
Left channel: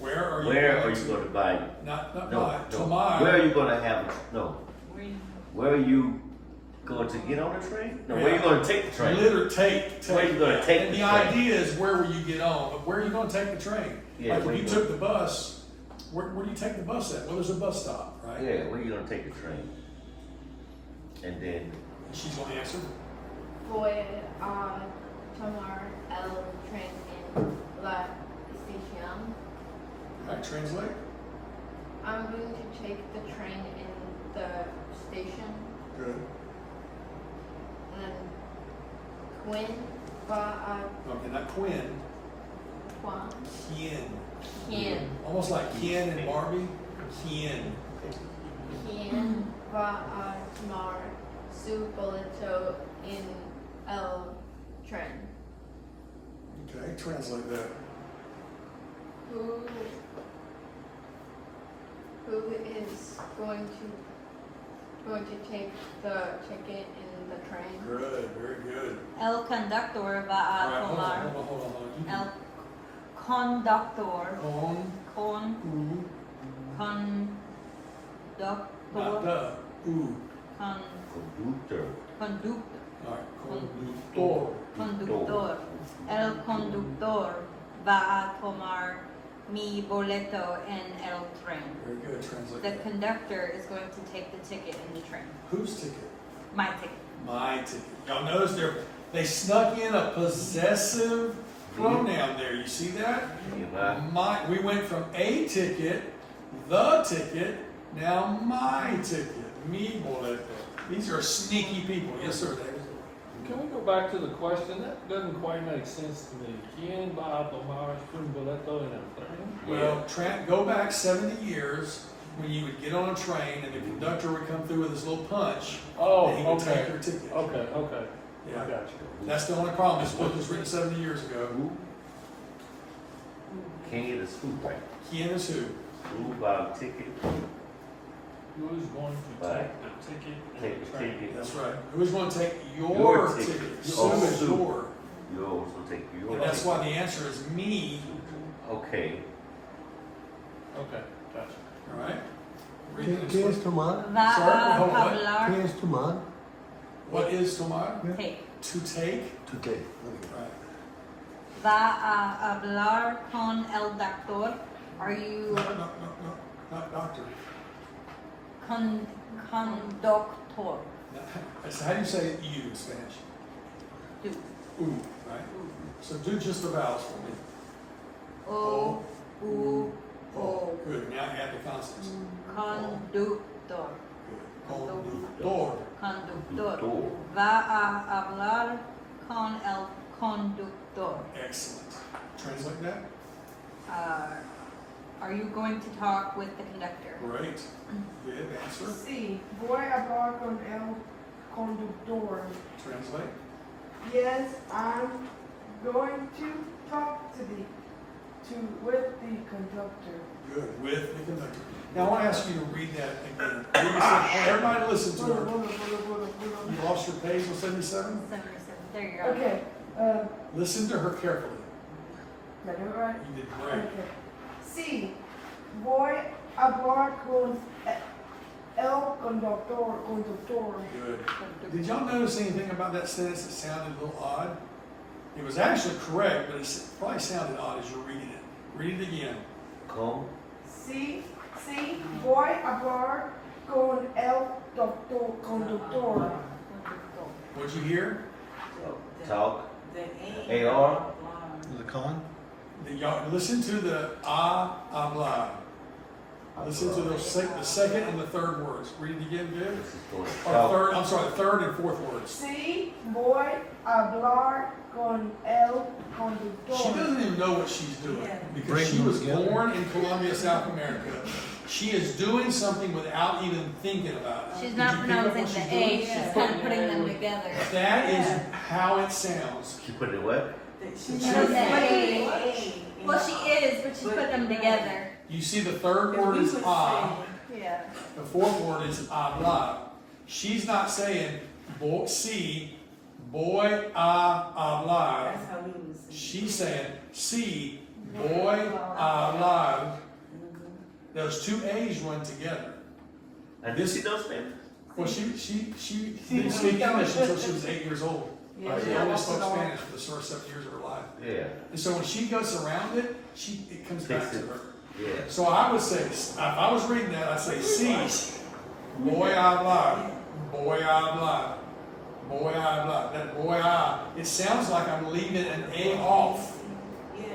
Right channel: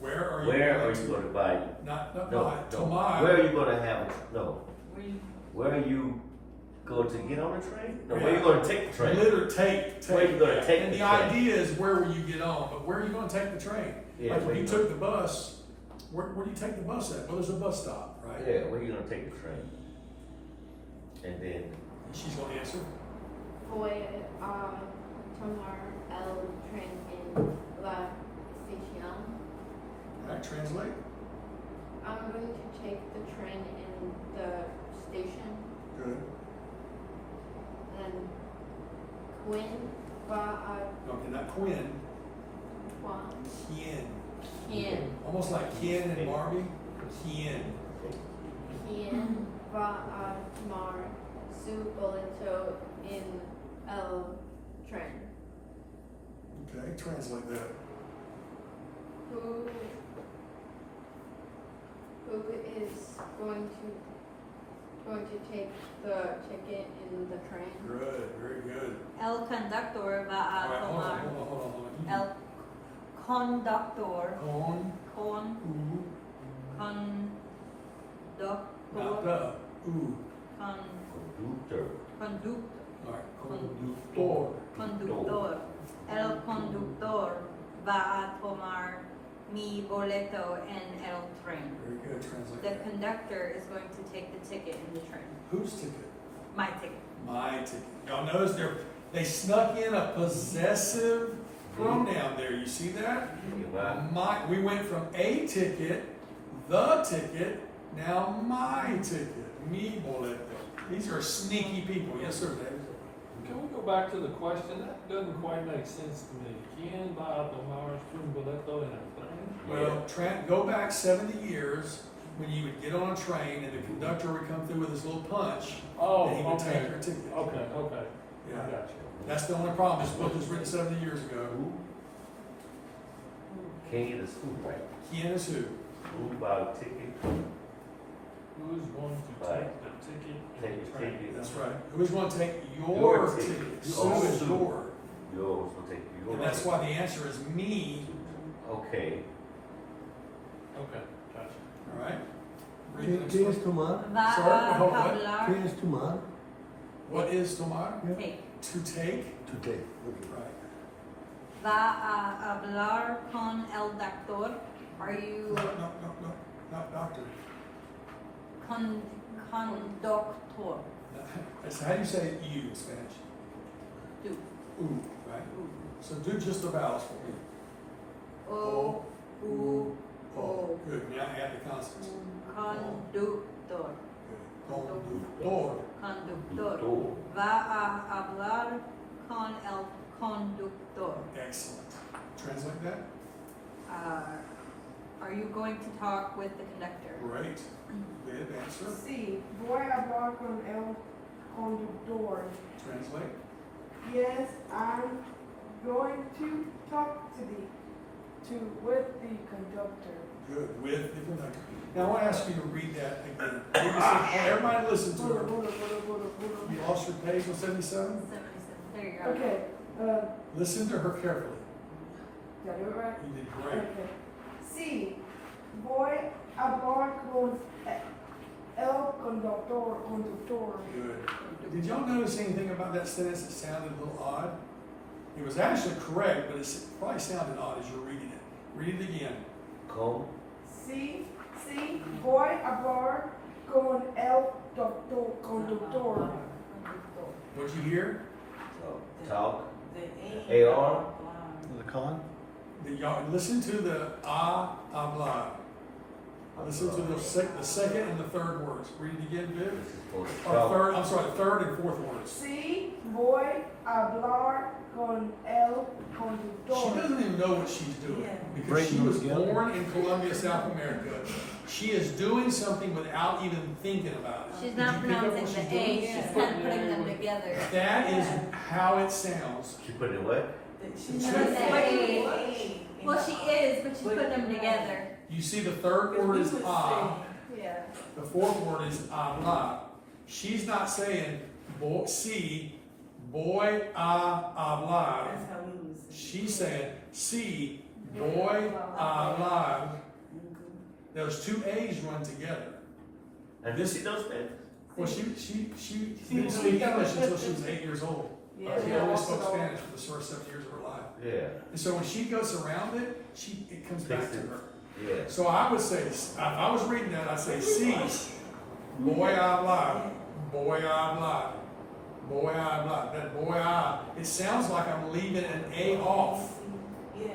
Where are you Where going are you to? gonna buy? Not No, buy, no. tomorrow. Where are you gonna have, no, Where you, where are you going to get on the train? No, where are you Yeah. gonna take the train? Literally take. Where you gonna take And the the train? idea is where will you get on, but where are you gonna take the train? Yeah, Like where if you you took the bus, where do you take the bus at? Well, there's a bus stop, right? Yeah, where you gonna take the train? And then, And she's gonna answer. Voy a tomar el tren en la estación. Right, translate. I'm going to take the train in the station. Good. And then Quinn va Okay, not Quinn, a Juan. Kien. Ken. Almost like Ken and Barbie. Kien. Quien va a tomar su boleto en el tren. Okay, translate that. Who is going to take the ticket in the train? Good, very good. El conductor va All a right, hold on, tomar. hold on. You can- El conductor. On, Con. not Conductor. the, ooh. conductor. Conductor. All right, conductor. Conductor. El conductor va a tomar mi boleto en el tren. Very good, translate. The conductor is going to take the ticket in the train. Whose ticket? My ticket. My ticket. Y'all notice they snuck in a possessive pronoun there. You see that? You not, My. We went from a ticket, the ticket, now my ticket. Mi boleto. These are sneaky people. Yes, sir, David. Can we go back to the question? That doesn't quite make sense to me. ¿Quién va a tomar su boleto en el tren? Well, go back 70 years when you would get on a train and the conductor would come through with his little punch Oh, and he would take okay. your ticket. Okay, okay. Yeah. I got you. That's the only problem. This book was written 70 years ago. King is who, right? Kien is who? Who buy a ticket? Who is going to Right. take the ticket in Take the the train? ticket. That's right. Who's going to take your Your ticket? ticket. Sue Oh, is Sue. your. You also take your. And that's why the answer is me. Okay, Okay, gotcha. All right? Read ¿Qué, the next qué one. es tomar? Va Sorry, a hold on. ¿Qué hablar. es tomar? What is tomar? Take. To take. To take. Okay. Right. Va a hablar con el doctor. Are you No, not doctor. conductor? That's how do you say you in Spanish? Do. Ooh, right? So do just the vowels for me. O. U. O. Good. Now you add the consonants. Conductor. Good. Conductor. Conductor. Va a hablar con el conductor. Excellent. Translate that. Are you going to talk with the conductor? Great. Good answer. Sí, voy a hablar con el conductor. Translate. Yes, I'm going to talk with the conductor. Good. With the conductor. Now I want to ask you to read that again. Everybody listen to her. You lost your page on 77? 77. There you go. Okay, Listen to her carefully. got it right? You did great. Okay. Sí, voy a hablar con el conductor. Good. Did y'all notice anything about that sentence that sounded a little odd? It was actually correct, but it probably sounded odd as you're reading it. Read it again. come, Sí, voy a hablar con el conductor. What'd you hear? talk, The AR. The con? Y'all listen to the habla. Listen to the second and the third words. Read it again, dude. this is for the Or talk. third, I'm sorry, the third and fourth words. Sí, voy a hablar con el She conductor. doesn't even know what she's doing because Bring she them was together. born in Colombia, South America. She is doing something without even thinking about it. She's Did not you pick up what pronouncing the she's doing? A, she's kind of putting them together. That is how it sounds. She put it what? She's She does that A. A. Well, she is, but she's putting them together. You see, the third word is Yeah. the fourth word is habla. She's not saying boy, hablar. That's how we was. She's saying, Boy, alive. Those two A's run together. And this she does Spanish? Well, she didn't speak English until she was 8 years old. Yeah. She only spoke Spanish for the first 7 years of her life. Yeah, And so when she goes around it, it comes back to her. yeah. So I would say, if I was reading that, I'd say, sí, voy a hablar, voy a hablar, voy a hablar. That voy a, it sounds like I'm leaving an A off. Yeah.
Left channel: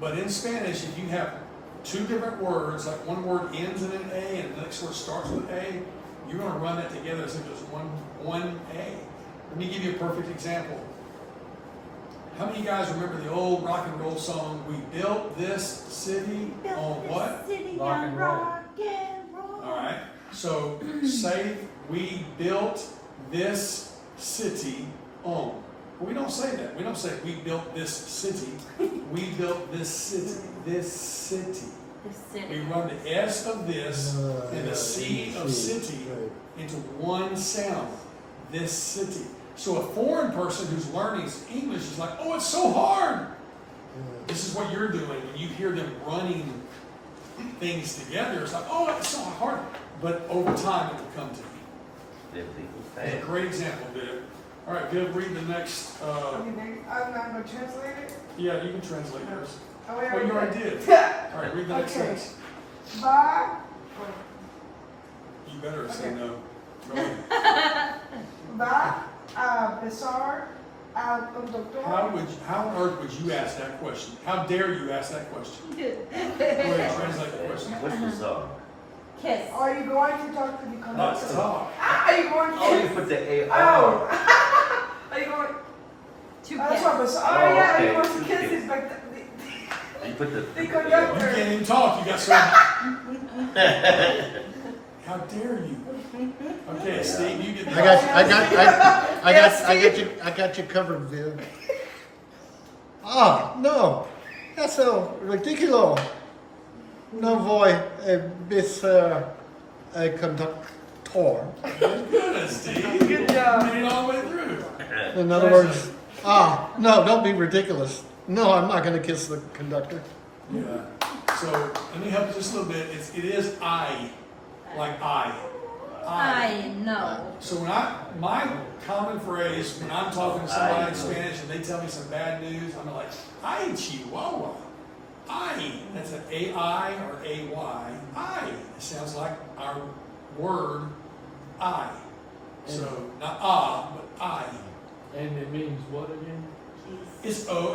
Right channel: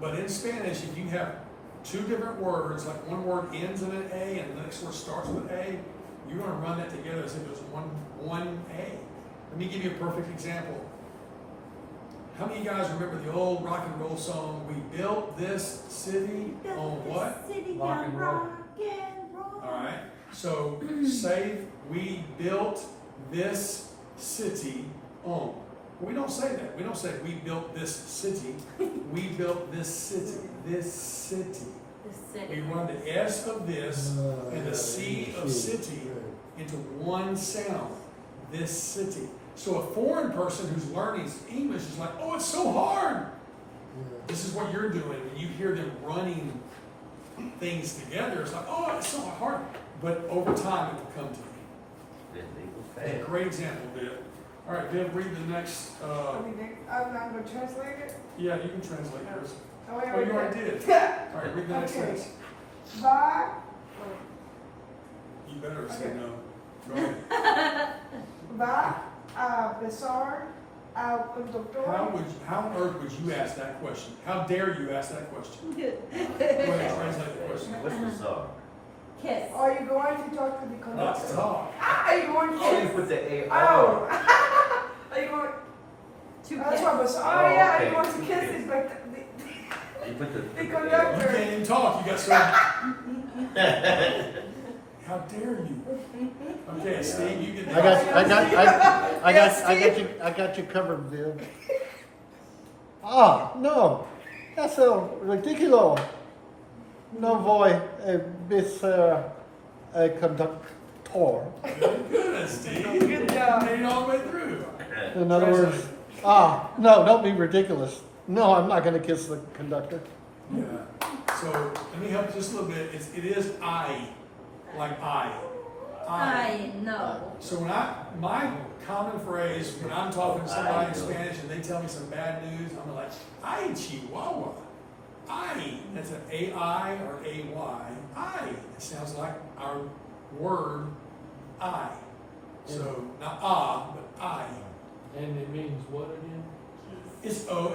But in Spanish, if you have two different words, like one word ends in an A and the next word starts with A, you're going to run that together as if it was one A. Let me give you a perfect example. How many of you guys remember the old rock and roll song, "We built this city on what"? Rock and roll. All right. So say we built this city on. Well, we don't say that. We don't say we built this city. We built this city. This city. The We city. run the S of this and the C of city into one sound. This city. So a foreign person who's learning English is like, oh, it's so hard. This is what you're doing when you hear them running things together. It's like, oh, it's so hard. But over time, it will come to you. It's a great example, Viv. All right, Viv, read the next. Okay, next, I'm not gonna translate it. Yeah, you can translate yours. Oh, wait, Oh, you already did. All right, read the next Okay. sentence. Va, You better say Okay. no. Go ahead. va a besar al conductor. How on earth would you ask that question? How dare you ask that question? Go ahead and translate the question. What's the song? Kiss. Are you going to talk to the Let's conductor? talk. Are you going to Oh, you kiss? put the A Oh. R. Are you going? Two That's kiss. what besar. Oh, yeah, are you okay. going to kiss it? But You put the. The You conductor. can't even talk. You got so. How dare you? Okay, Steve, you get the. I got you covered, Viv. Ah, no, that's so ridiculous. No voy a ser a conductor. Good, Steve. Good job. Made it all the way through. In other words, no, don't be ridiculous. No, I'm not going to kiss the conductor. Yeah. So let me help just a little bit. It is I, like I. I know. So my common phrase when I'm talking to somebody in Spanish and they tell me some bad news, I'm like, ay, chihuahua. I. That's an A-I or A-Y. I. It sounds like our word I. So not but I. And it means what again? It's a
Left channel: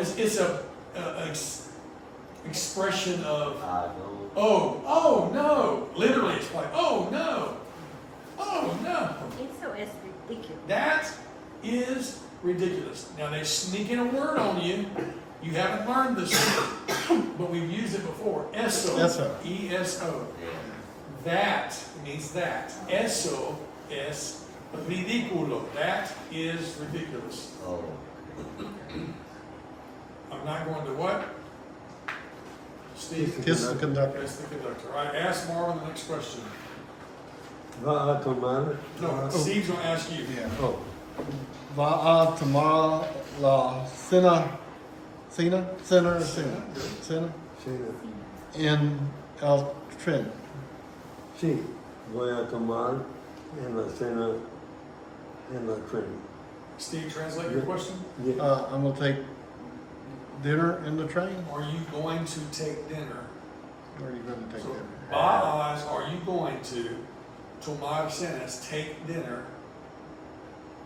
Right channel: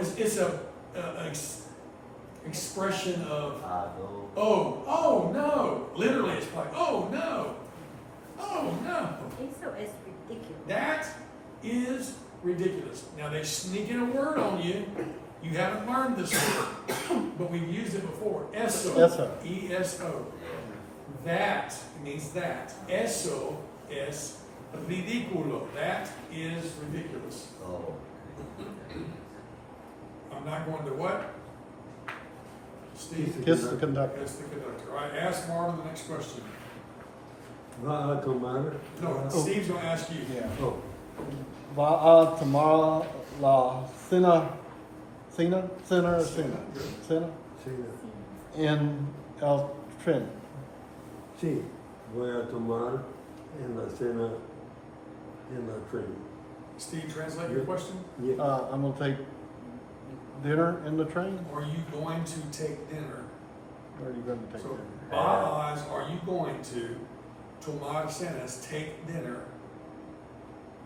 expression of I know. oh no. Literally, it's like oh no. Eso es ridiculous. That is ridiculous. Now they sneak in a word on you. You haven't learned this word, but we've used it before. Eso. Eso. E-S-O. That means that. Eso es ridículo. That is ridiculous. Oh. I'm not going to what? Steve? Kiss the conductor. That's the conductor. All right, ask Marvin the next question. Va a tomar. No, Steve's going to ask you. Oh, Va a tomar la cena sí, en el tren. sí, voy a tomar en la cena en la tren. Steve, translate your question. Yeah. I'm going to take dinner in the train. Are you going to take dinner? Or are you going to take So, dinner? Baaz, are you going to, tomar cenas, take dinner?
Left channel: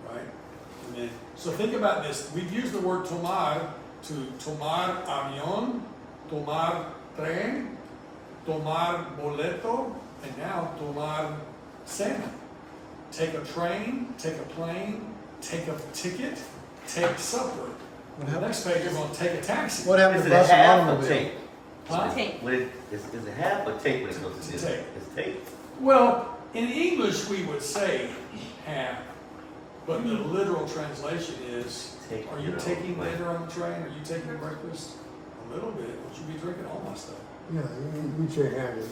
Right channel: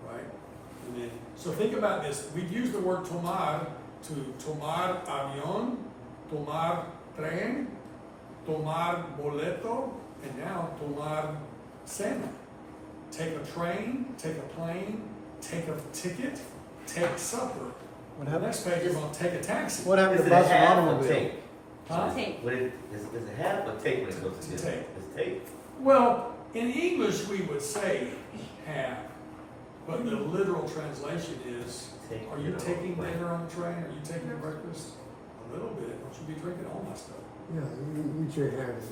Right? And then, so think about this. We've used the word tomar to tomar avión, tomar tren, tomar boleto, and now tomar cena. Take a train, take a plane, take a ticket, take supper. What The happened? next page, you're going to take a taxi. What happened Is to it bus and half or automobile? take? Huh? Take. Is it half or take when it goes to It's dinner? take. It's take. Well, in English, we would say half, but the literal translation is, Take are you dinner. taking dinner on the train? Are you taking breakfast? A little bit. Don't you be drinking all my stuff? Yeah, we should have it.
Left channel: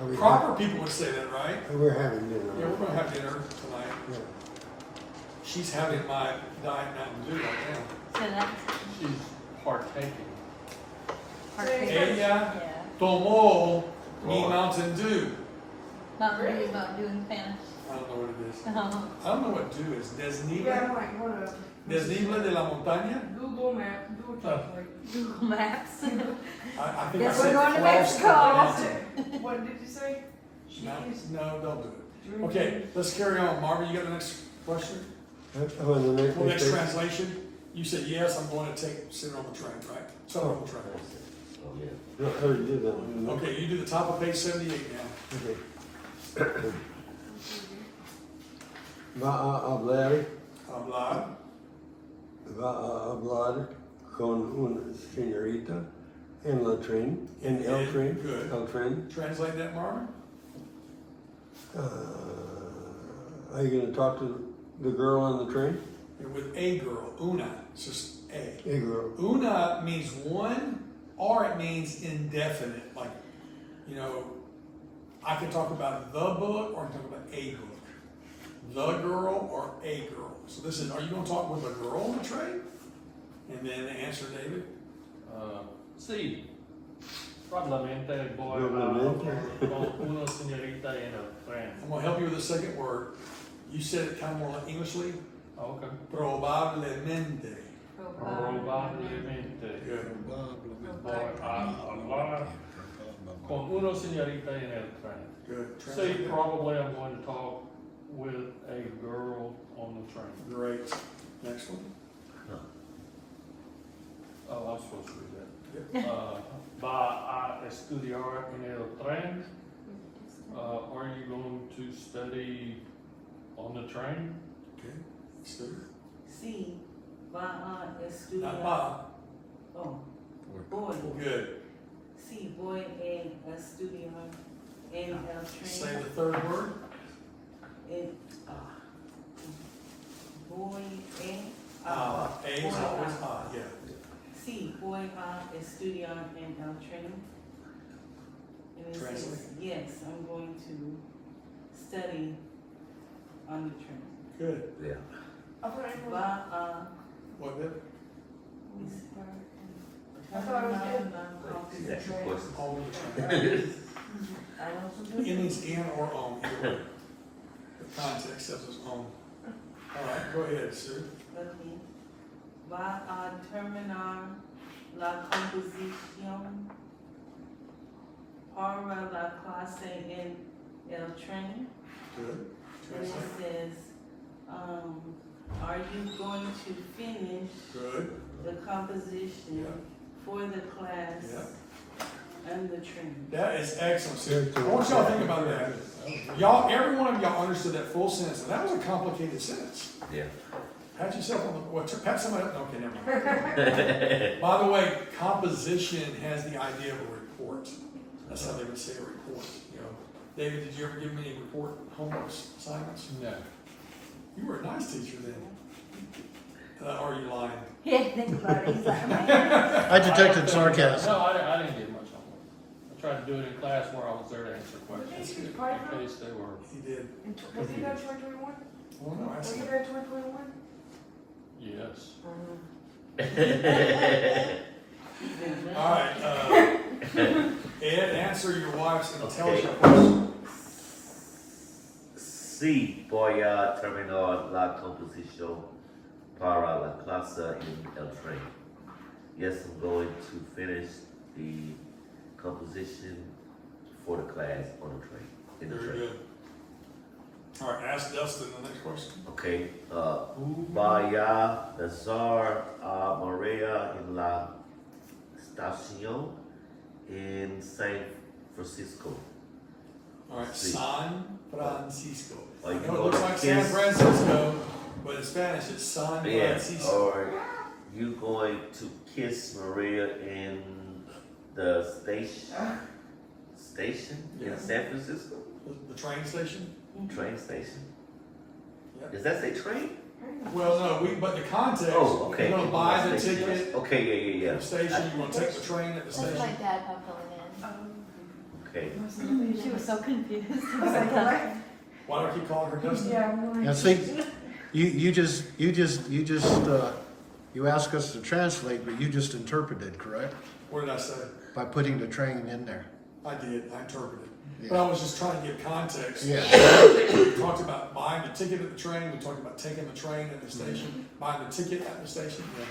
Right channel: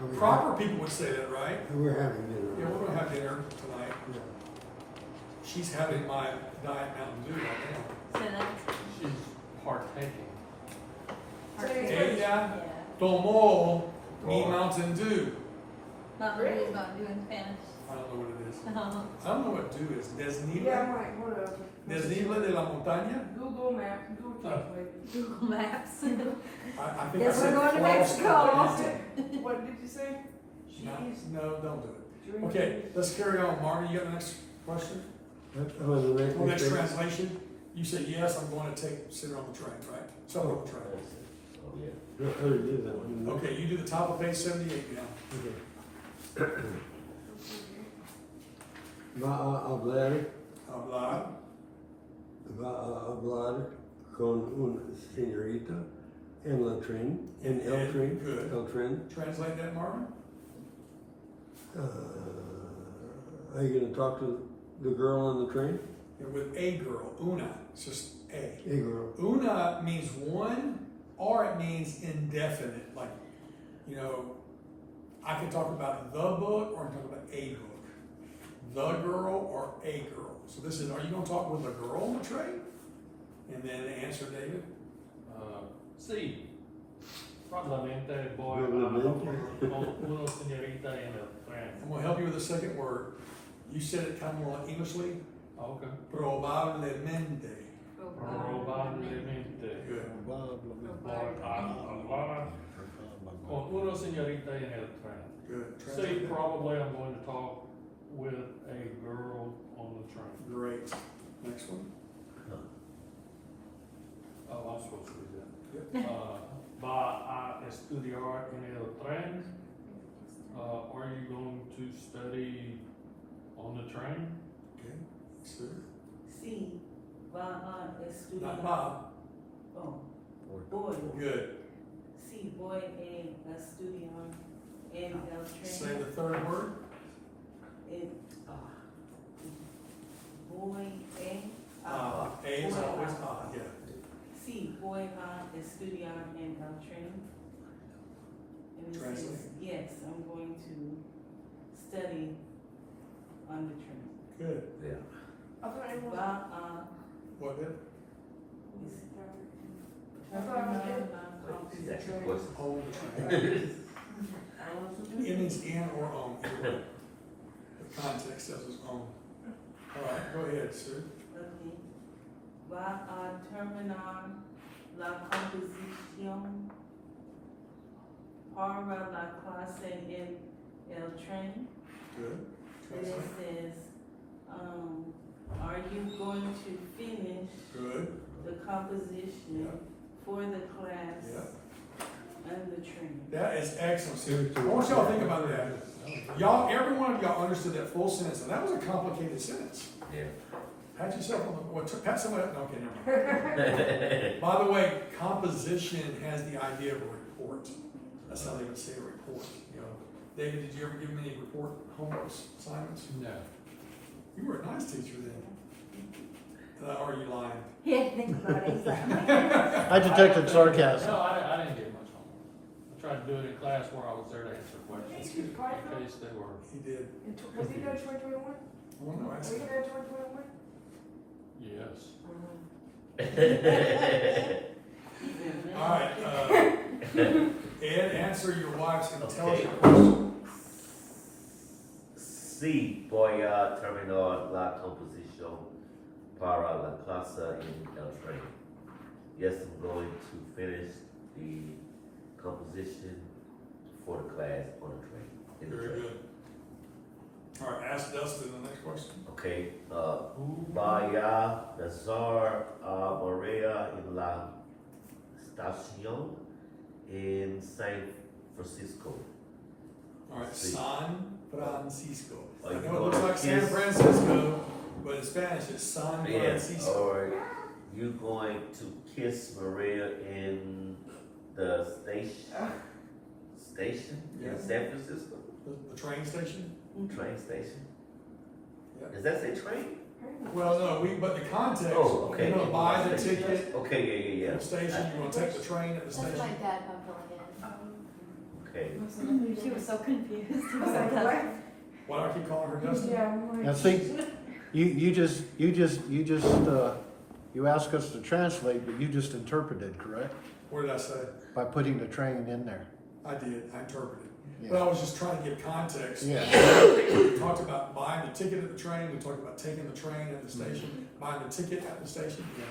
And we Proper people would say that, right? have- We're having dinner. Yeah, we're gonna have dinner tonight. Yeah. She's having my Diet Mountain Dew right now. So that's She's partaking. Ella Yeah. tomó mi Mountain Dew. Mountain Dew about doing Spanish. I don't know what it is. Oh. I don't know what dew is. Yeah, Desnible? like whatever. Desnible de la montaña? Google Maps, Google Translate. Google Maps. I think Guess I said we're going to cross Mexico. the That's mountain. it. What did you say? No, don't do it. Okay, let's carry on. Marvin, you got the next question? How about the next Well, next mistake? translation? You said, yes, I'm going to sit on the train, right? So on the train. Oh, yeah. No, I already did that one. Okay, you do the top of page 78 now. Okay. Va a hablar, Hablar. va a hablar con una señorita en la tren, en el tren, Good. el tren. Translate that, Marvin. Are you gonna talk to the girl on the train? With a girl, una. It's just a. Hey, girl. Una means one, or it means indefinite. Like, you know, I can talk about the book, or I can talk about a book. The girl or a girl. So this is, are you going to talk with a girl on the train? And then the answer, David? Sí, probablemente voy Probablemente. con una señorita en el tren. I'm going to help you with the second word. You said it kind of more like Englishly. Okay. Probablemente. Probablemente Good. voy a hablar con una señorita en el tren. Good. See, Translate that. probably I'm going to talk with a girl on the train. Great. Next one. Oh, I'm supposed to read Yep. that. Va a estudiar en el tren. Are you going to study on the train? Okay. Sue. Sí, va a Not estudiar. Bob. Oh, voy. Good. Sí, voy a estudiar en el Say tren. the third word. Voy a. A is voy always a. yeah. Sí, voy a estudiar en el tren. And it says, Translate. yes, I'm going to study on the train. Good. Yeah. I thought it was, Va a. What then? I thought it was She's actually close. Hold the train. I also It means in or on. Either way. The context says it's on. All right, go ahead, Sue. Okay. Va a terminar la composición para la clase en el tren. Good. And it Translate. says, are you going to finish Good. the composition for the class Yeah. and the train? That is excellent, Sue. I want y'all to think about that. Y'all, every one of y'all understood that full sentence, and that was a complicated sentence. Yeah. Pat yourself on the, what, pat somebody up, okay, never mind. By the way, composition has the idea of a report. That's how they would say a report, you know. David, did you ever give me any report homework assignments? No. You were a nice teacher then. Or are you lying? Yeah, think about it. He's like, "Am I gonna-" I detected sarcasm. No, I didn't get much on it. I tried to do it in class where I was there to answer questions, in case they were, He did. was he there 2021? Well, no, I Was he said, there 2021? yes. all right, Ed, answer your wife's intelligent question. Sí, voy a terminar la composición para la clase en el tren. Yes, I'm going to finish the composition for the class on the train. In the Very train. good. All right, ask Dustin the next question. Okay. Vaya besar a Maria en la estación in San Francisco. All right, Sí. San Francisco. I Like, know it looks like San kiss. Francisco, but in Spanish it's San Yeah. Francisco. Are you going to kiss Maria in the station Yeah. in San Francisco? The train station? Train station? Yeah. Does that say train? Well, no, but the context, Oh, okay. you're gonna buy the ticket Okay, yeah, at the station, you're gonna take the train at the That's station. my dad buckled Okay. She was so confused. I was like, what? Why do I keep calling her Dustin? Yeah, I'm Now like, see, you just you asked us to translate, but you just interpreted, correct? What did I say? By putting the train in there. I did, I interpreted. Yeah. But I was just trying to give context. Yeah. We talked about buying the ticket at the train, we talked about taking the train at the station, buying the ticket at the station, yeah.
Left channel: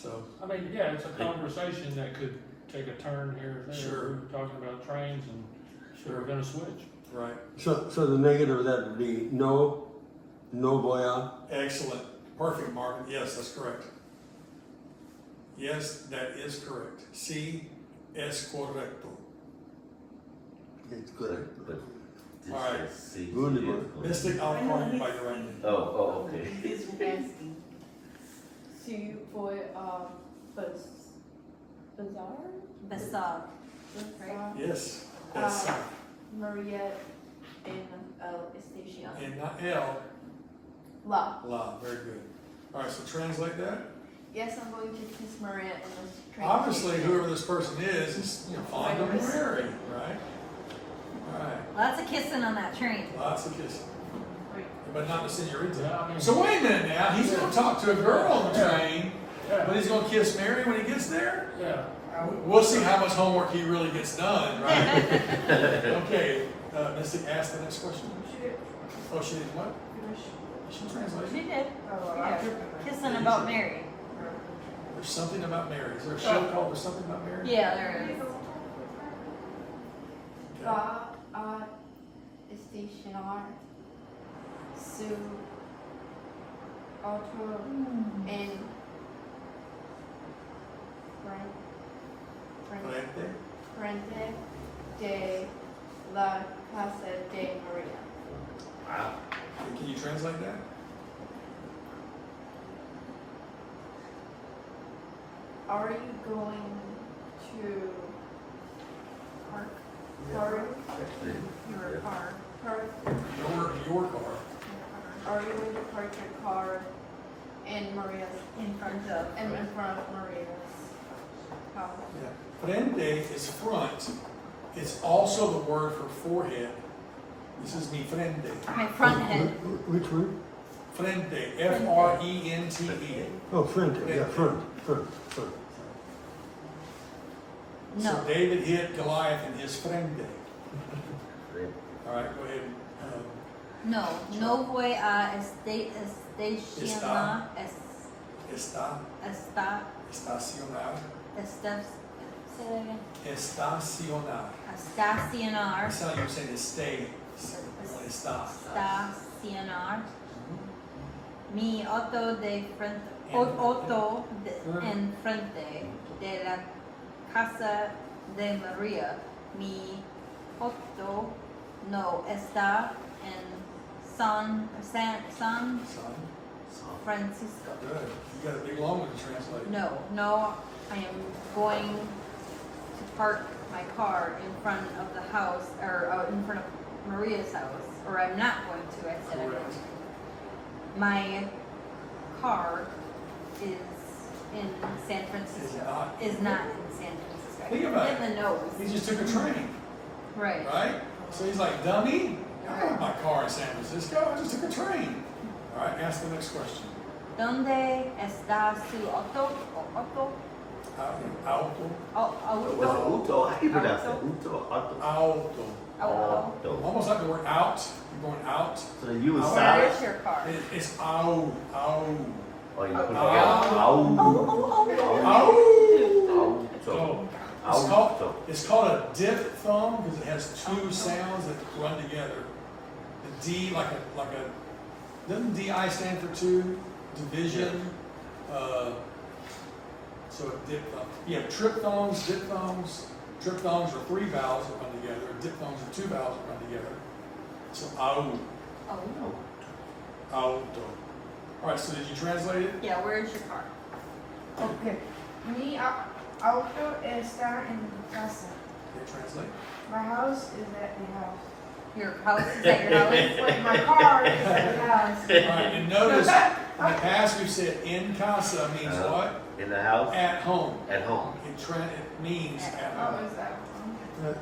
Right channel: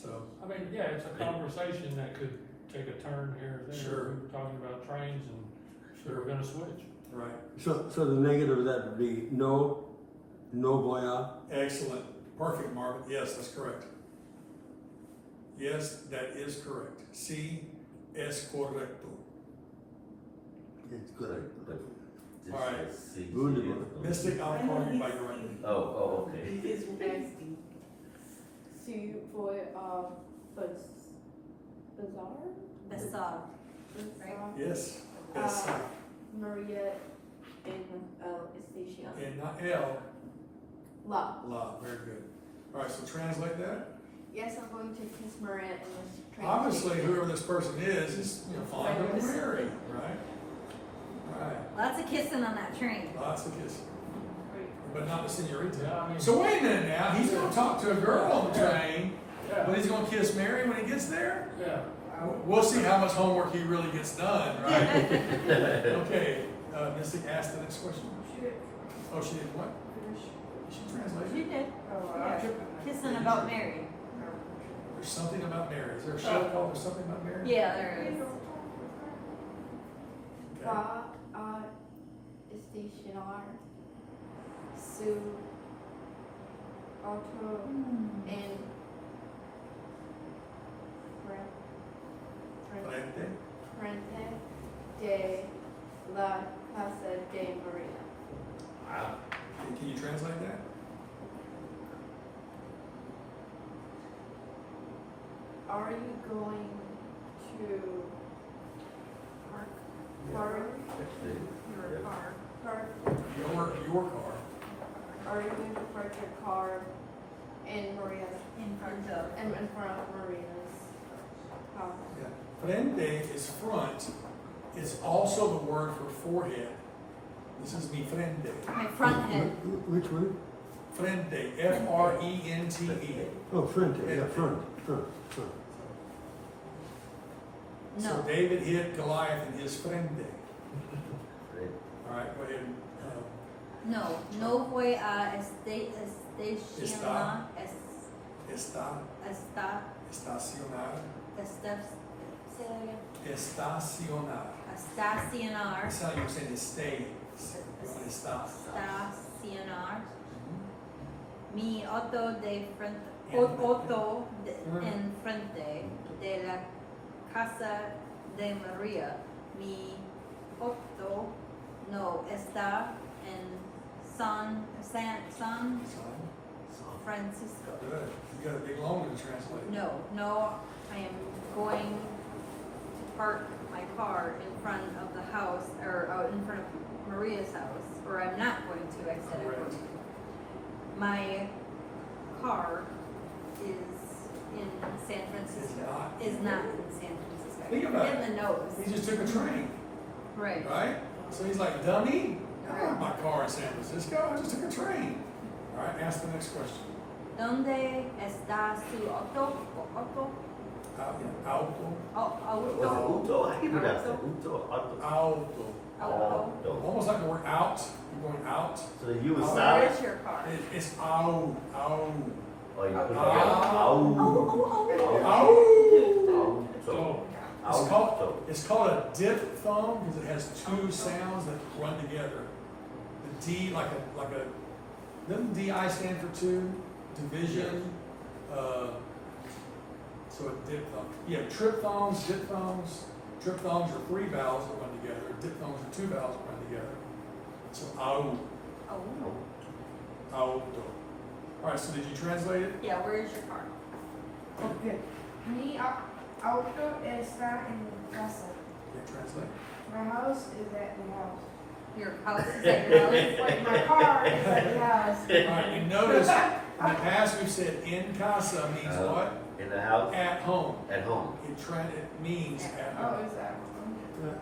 So, I mean, yeah, it's a conversation that could take a turn here or there. Sure. We were talking about trains and so we're gonna switch. right, So the negative of that would be no voy a. excellent, perfect, Marvin, yes, that's correct. Yes, that is correct. C es correcto. It's good. But this Alright. is C. Wunderbar. Mystic, I'll call you by your right name. Oh, okay. It's nasty. Sie wohl, Bazaar? Besar. Yes, that's Maria in, Estacia. and not L, La. la, very good. All right, so translate that. Yes, I'm going to kiss Maria in the train Obviously, station. whoever this person is, you know, fond of Mary, right? All right, Lots of kissing on that train. lots of kissing. But not the senorita. Yeah, I mean- So wait a minute now, he's gonna talk to a girl on the train, Yeah. but he's gonna kiss Mary when he gets there? Yeah. We'll see how much homework he really gets done, right? Okay, Mystic, ask the next question. Oh, she did what? She She translated. did. Oh, Yeah. Kissing about Mary. There's something about Mary. Is there a show called There's Something About Mary? Yeah, there is. Okay. Va a estacionar su auto en Frente. frente de la casa de Maria. Wow. Can you translate that? Are you going to park your car? Your car. Are you going to park your car in Maria's In front of. in front of Maria's house? Yeah. Frente is front. It's also the word for forehead. This is mi frente. My front head. Which one? Frente. F-R-E-N-T-E. Oh, front, yeah, front. So No. David hit Goliath in his frente. All right, go ahead. No. No voy a estacionar. Está, estacionar. Say that again. Estacionar. Estacionar. That's how you say to stay. Está. Estacionar. Mi auto de frente. Auto en frente de la casa de María. Mi auto no está en San Francisco. Good. You got a big long one to translate. No, I am going to park my car in front of the house, or in front of Maria's house, or I'm not going to, I said I'm going Correct. to. My car is in San Francisco. Is not. in San Francisco. Think about In the nose. He just took a train, Right. right? So he's like, dummy, I don't have my car in San Francisco, I just took a train. All right, ask the next question. ¿Dónde está su auto? Auto? Auto. What's Auto. Uto? How do you pronounce that? Uto? Auto? Auto. Auto. Almost like the word out. You're going out. So you Where side? Where is your car? It's au. Or you put it Au. Auto. Au. It's called a diphthong because it has two sounds that run together. The D like a doesn't DI stand for two? Division. So a diphthong. Yeah, triphthongs, diphthongs. Triphthongs are three vowels that run together. Diphthongs are two vowels that run together. So au. Oh. Auto. All right. So did you translate it? Yeah, where is your car? Okay. Mi auto está en casa. Yeah, translate. My house is at the house. Your house is at your house? Wait, my car is at the house. All right, and notice in the past we've said in casa means what? In the house? At home. At home. It means at Oh, home. is that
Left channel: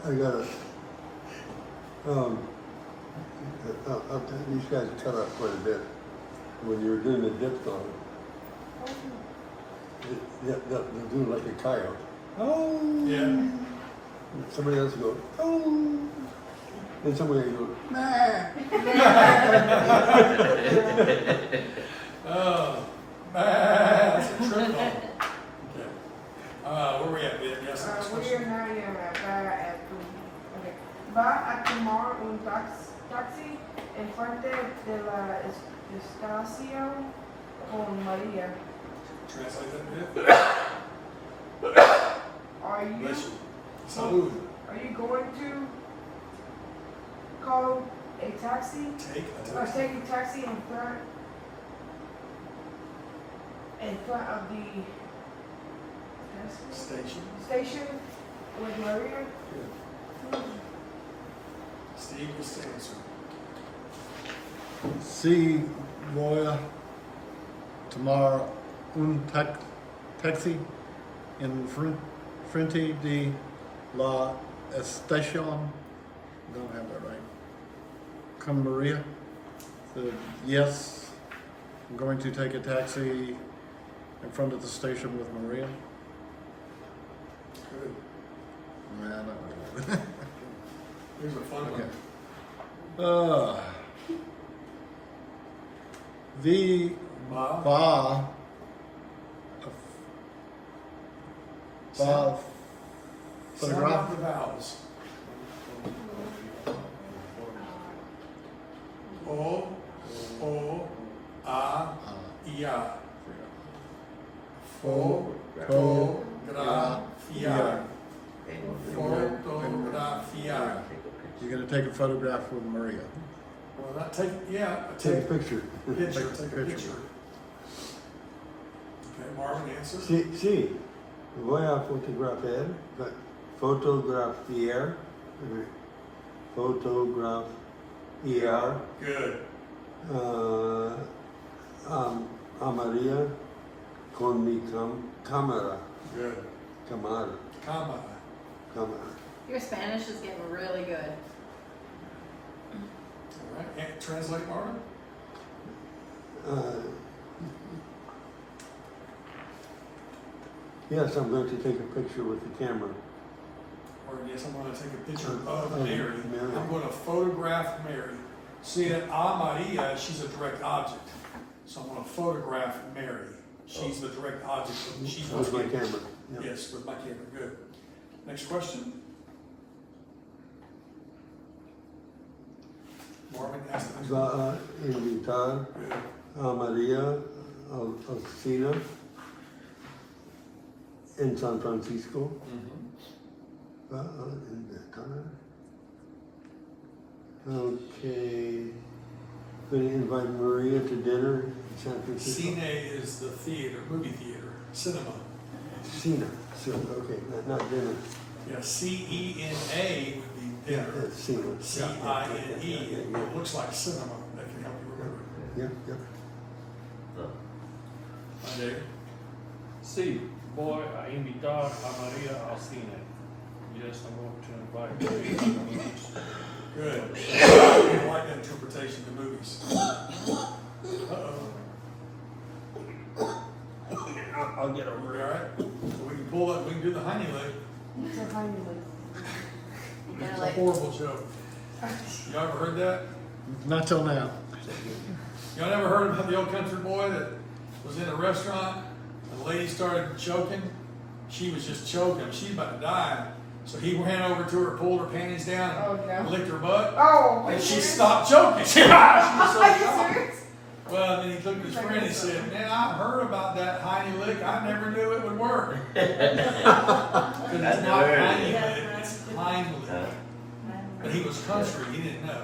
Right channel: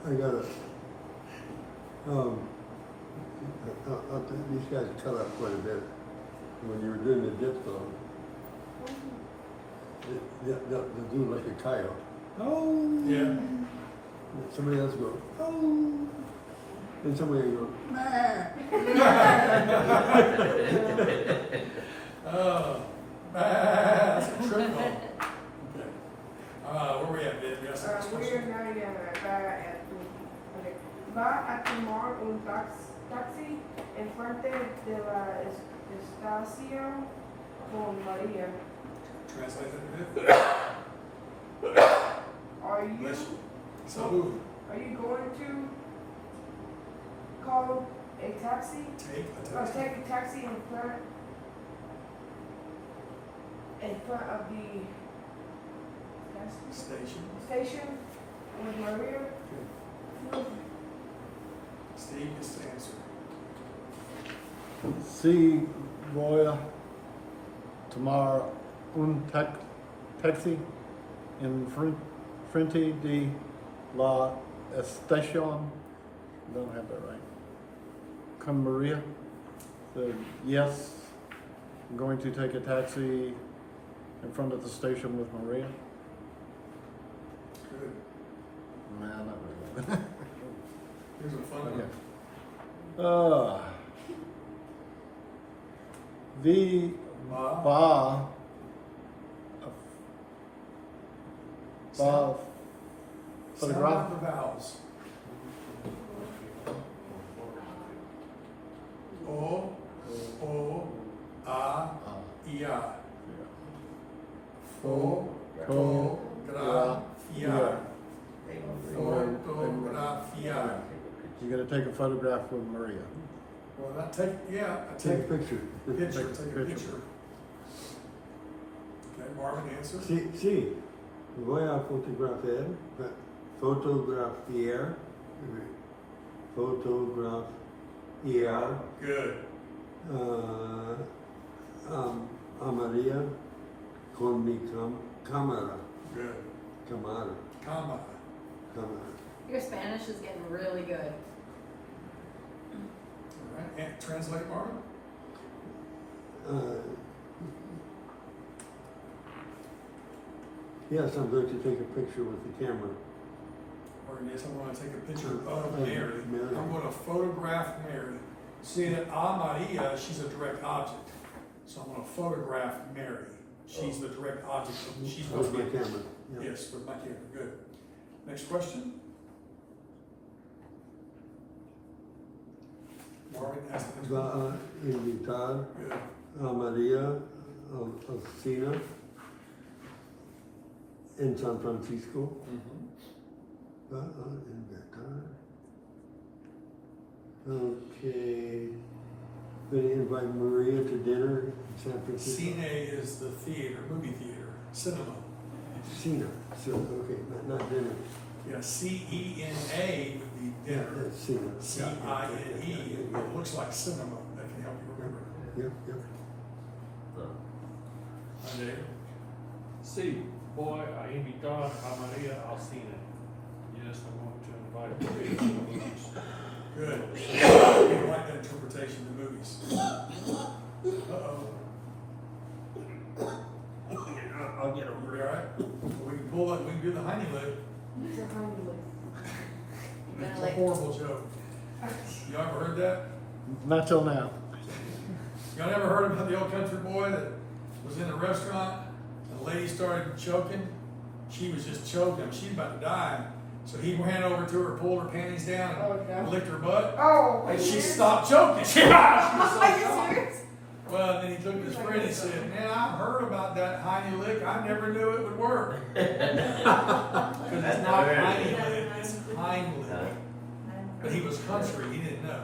I got it. These guys cut up quite a bit when you were doing the diphthong. they'll do like a coyote. Oh. Yeah. Somebody else will go, oh. Then somebody will go, Oh, that's a trick call. Okay. Where we at, Ben? Yes, next We're question. now va a tomar un taxi enfrente de la estación con María. Translate that bit. Are you, Bless you. Salud. are you going to call a taxi? Take a Or taxi. take a taxi in front of the Station. station with Maria? Good. Steve was the answer. Sí, voy a tomar un taxi en frente de la estación. Don't have that right. Con Maria. So, yes, I'm going to take a taxi in front of the station with Maria. Good. Nah, not really. These are fun. Okay. ones. Vi Wow. va Sound photograph. out the vowels. O, a, ia. Fotografiar. Fotografiar. You're gonna take a photograph with Maria. Well, not take, yeah, take a take picture. a picture, Take a take a picture. picture. Okay, Marvin answers. Sí, voy a fotografiar, fotografiar Good. a María con mi cámara. Good. Cámara. Comma. Cámara. Your Spanish is getting really good. All right, and translate, Marvin. Yes, I'm going to take a picture with the camera. Or yes, I'm gonna take a picture of Mary. Mary. Mary. I'm gonna photograph Mary. See that A Maria, she's a direct object. So I'm gonna photograph Mary. She's the direct object. She's With what's my getting. camera. Yeah. Yes, with my camera. Good. Next question. Marvin asked the next one. Va a invitar Good. a María al cine en San Francisco. Va a invitar. Okay. Going to invite Maria to dinner in San Francisco. Cine is the theater, movie theater, cinema. Cine. So, okay, not dinner. Yeah, CENA would be dinner. Cine. CINE, it looks like cinema. That can help you remember. Yeah, yeah. Dave? Sí, voy a invitar a María al cine. Yes, I'm going to invite Maria to the movies. Good. I like that interpretation of the movies. Uh-oh. I'll get over You all right? So we can pull up, we can do the honey lick. It's a honey lick. It's a horrible joke. Y'all ever heard that? Not till now. Y'all never heard about the old country boy that was in a restaurant and the lady started choking? She was just choking. She's about to die. So he ran over to her, pulled her panties down, Oh, and no. licked her butt. Oh, And she stopped choking. She was Are so you shocked. serious? Well, then he looked at his friend and he said, "Man, I've heard about that hiney lick. I never knew it would work." Because it's not hiney lick, it's hind lick. But he was country, he didn't know.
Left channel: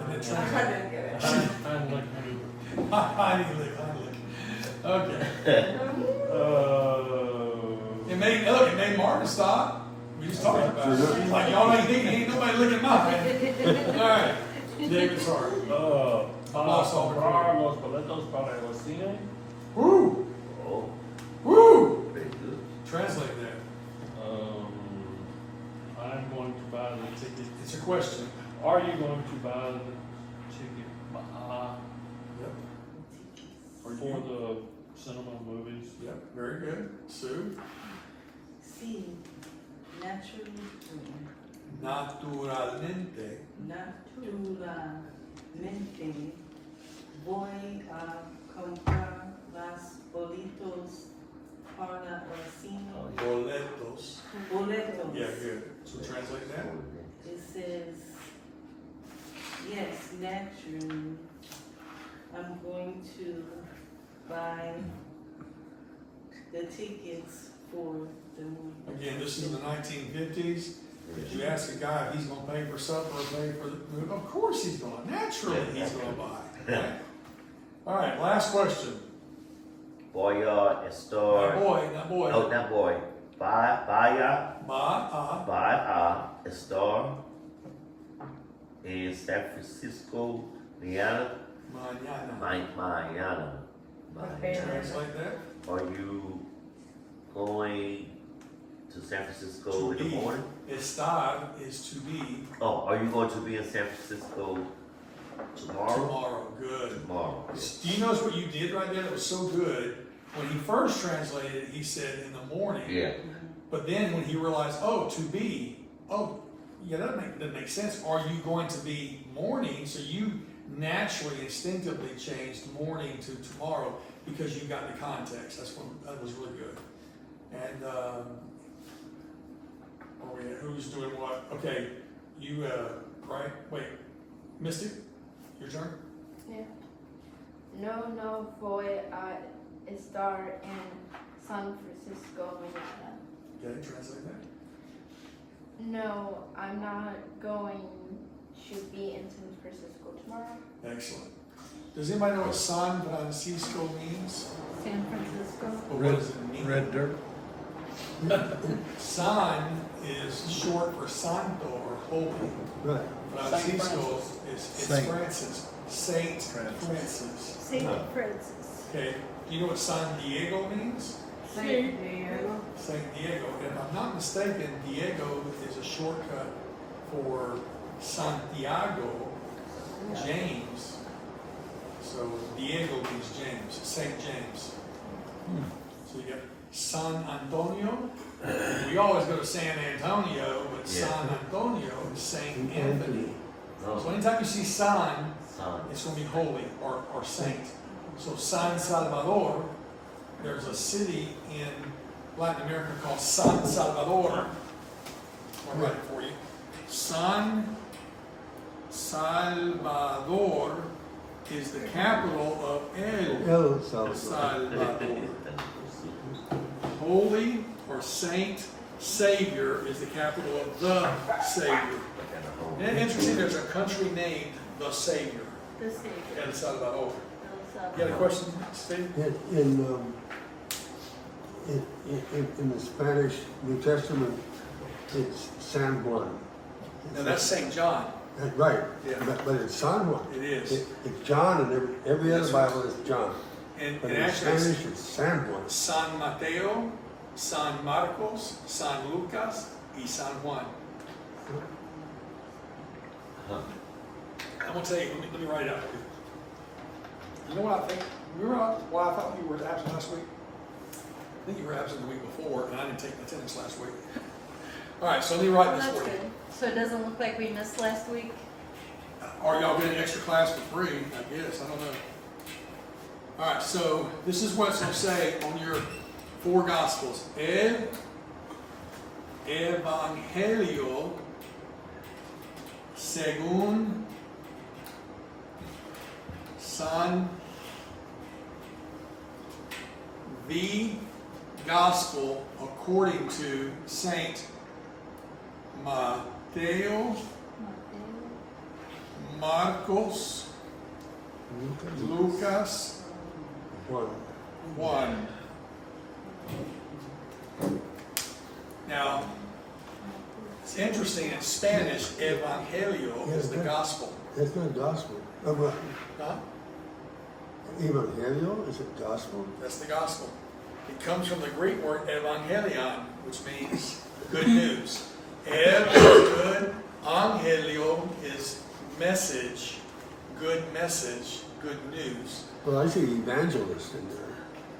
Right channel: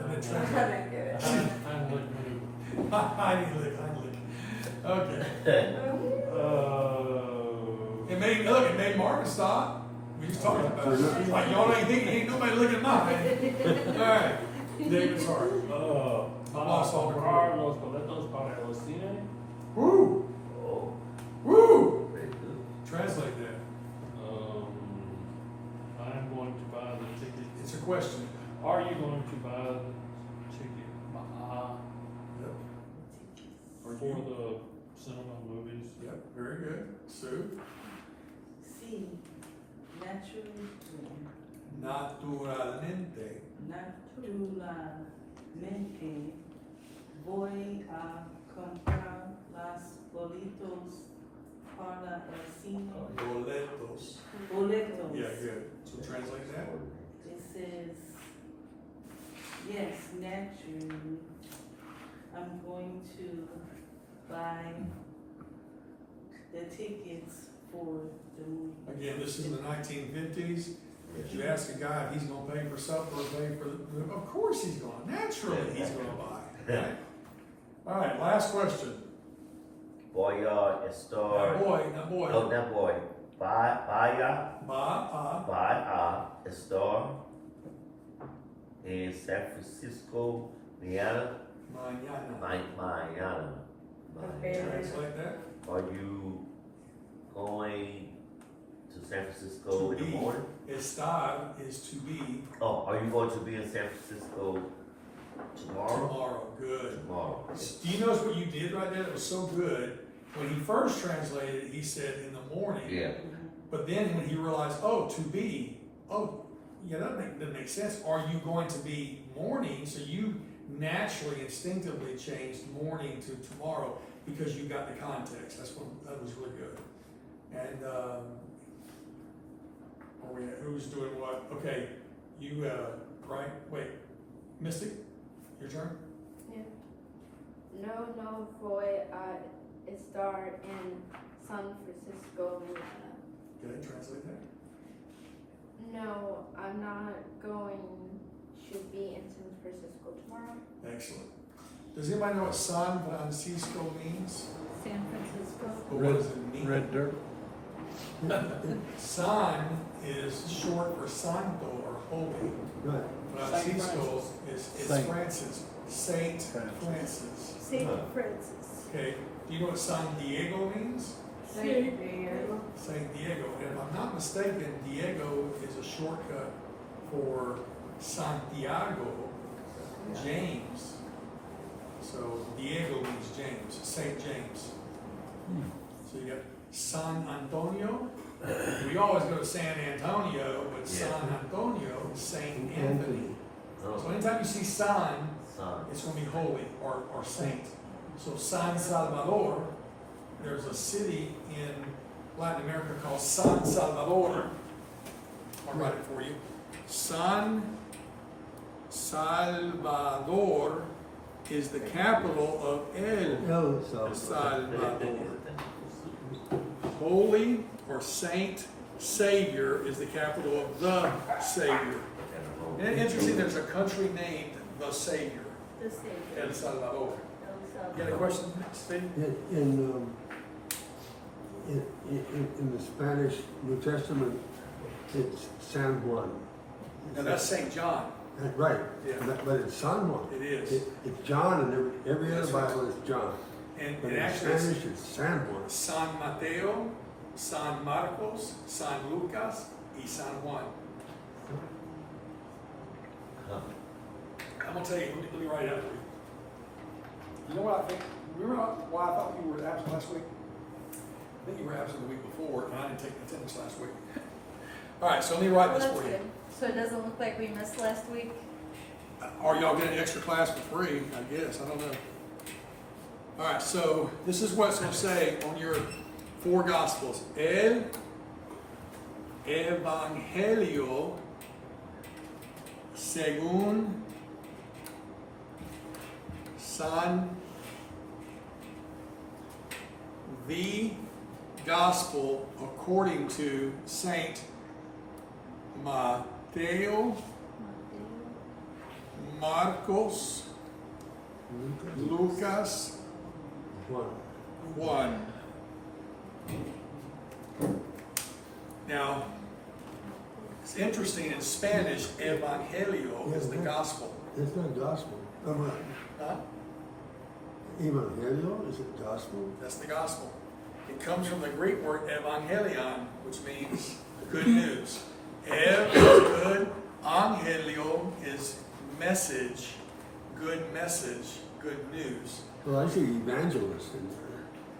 And then I translated, didn't get it. And like, hiney lick, hiney lick. Okay. It made Marvin stop. We was talking about it. He's like, y'all ain't nobody licking mine. All right. David, sorry. Lost all the para los boletos para el cine. Woo! Oh, Woo! very good. Translate that. I'm going to buy the ticket. It's a question. Are you going to buy the ticket Or for you? the cinema, movies. Yep, very good. Sue? C, naturally born. Naturalmente. Naturalmente voy a comprar las boletos para el cine. Boletos. Boletos. Yeah, good. So translate that. It says, yes, naturally, I'm going to buy the tickets for the movie. Again, this is the 1950s. If you ask a guy if he's gonna pay for supper or pay for the, of course he's gonna, naturally he's gonna buy, right? All right, last question. Voy a My estar. boy, not boy. No, not boy. Vaya a estar in San Francisco, mañana. Mañana. Mañana. Okay. Translate that. Are you going to San Francisco To in the be. morning? Estar is to be Oh, are you going to be in San Francisco tomorrow? tomorrow. Good. Tomorrow. Do you notice what you did right there? It was so good. When he first translated, he said in the morning. Yeah. But then when he realized, oh, to be, oh, yeah, that doesn't make sense. Are you going to be morning? So you naturally, instinctively changed morning to tomorrow because you got the context. That was really good. And who's doing what? Okay, you, right? Wait, Mystic, your turn. No voy a estar en San Francisco mañana. Okay, translate that. No, I'm not going to be in San Francisco tomorrow. Excellent. Does anybody know what San Francisco means? San Francisco. Or what does it mean? Red dirt. San is short for Santo or holy. Right. Francisco is Saint. Francis. Saint Francis. Francis. Saint Francis. Okay. Do you know what San Diego means? Saint Diego. Saint Diego. And if I'm not mistaken, Diego is a shortcut for Santiago, James. So Diego means James, Saint James. So you get San Antonio. We always go to San Antonio, but Yeah. San Antonio is Saint Anthony. So No, anytime you see San, son. it's going to be holy or saint. So San Salvador, there's a city in Latin America called San Salvador. I'll write it for you. San Salvador is the capital of El El Salvador. Salvador. Holy or saint Savior is the capital of the Savior. Isn't it interesting? There's a country named the Savior, The Savior. El Salvador. Those, You got a question, Steve? In the Spanish New Testament, it's San Juan. No, that's St. John. Right, Yeah. but it's San Juan. It is. It's John, and every other Yes. Bible is John. And, But and in actually, it's Spanish, it's San Juan. San Mateo, San Marcos, San Lucas, y San Juan. I'm gonna tell you, let me write it out for you. You know what I think? Remember what I thought you were absent last week? I think you were absent the week before, and I didn't take attendance last week. All right, so let me write Well, this that's for you. good. So it doesn't look like we missed last week. Or y'all get an extra class for free, I guess, I don't know. All right, so this is what it's gonna say on your 4 Gospels. El Evangelio según San, the Gospel according to Saint Mateo, Marcos, Lucas, Juan. 1. Now, it's interesting, in Spanish, Evangelio is the gospel. It's not gospel. Huh? Evangelio, is it gospel? That's the gospel. It comes from the Greek word evangelion, which means good news. Ev is good, angelio is message, good news. Well, I see evangelist in there.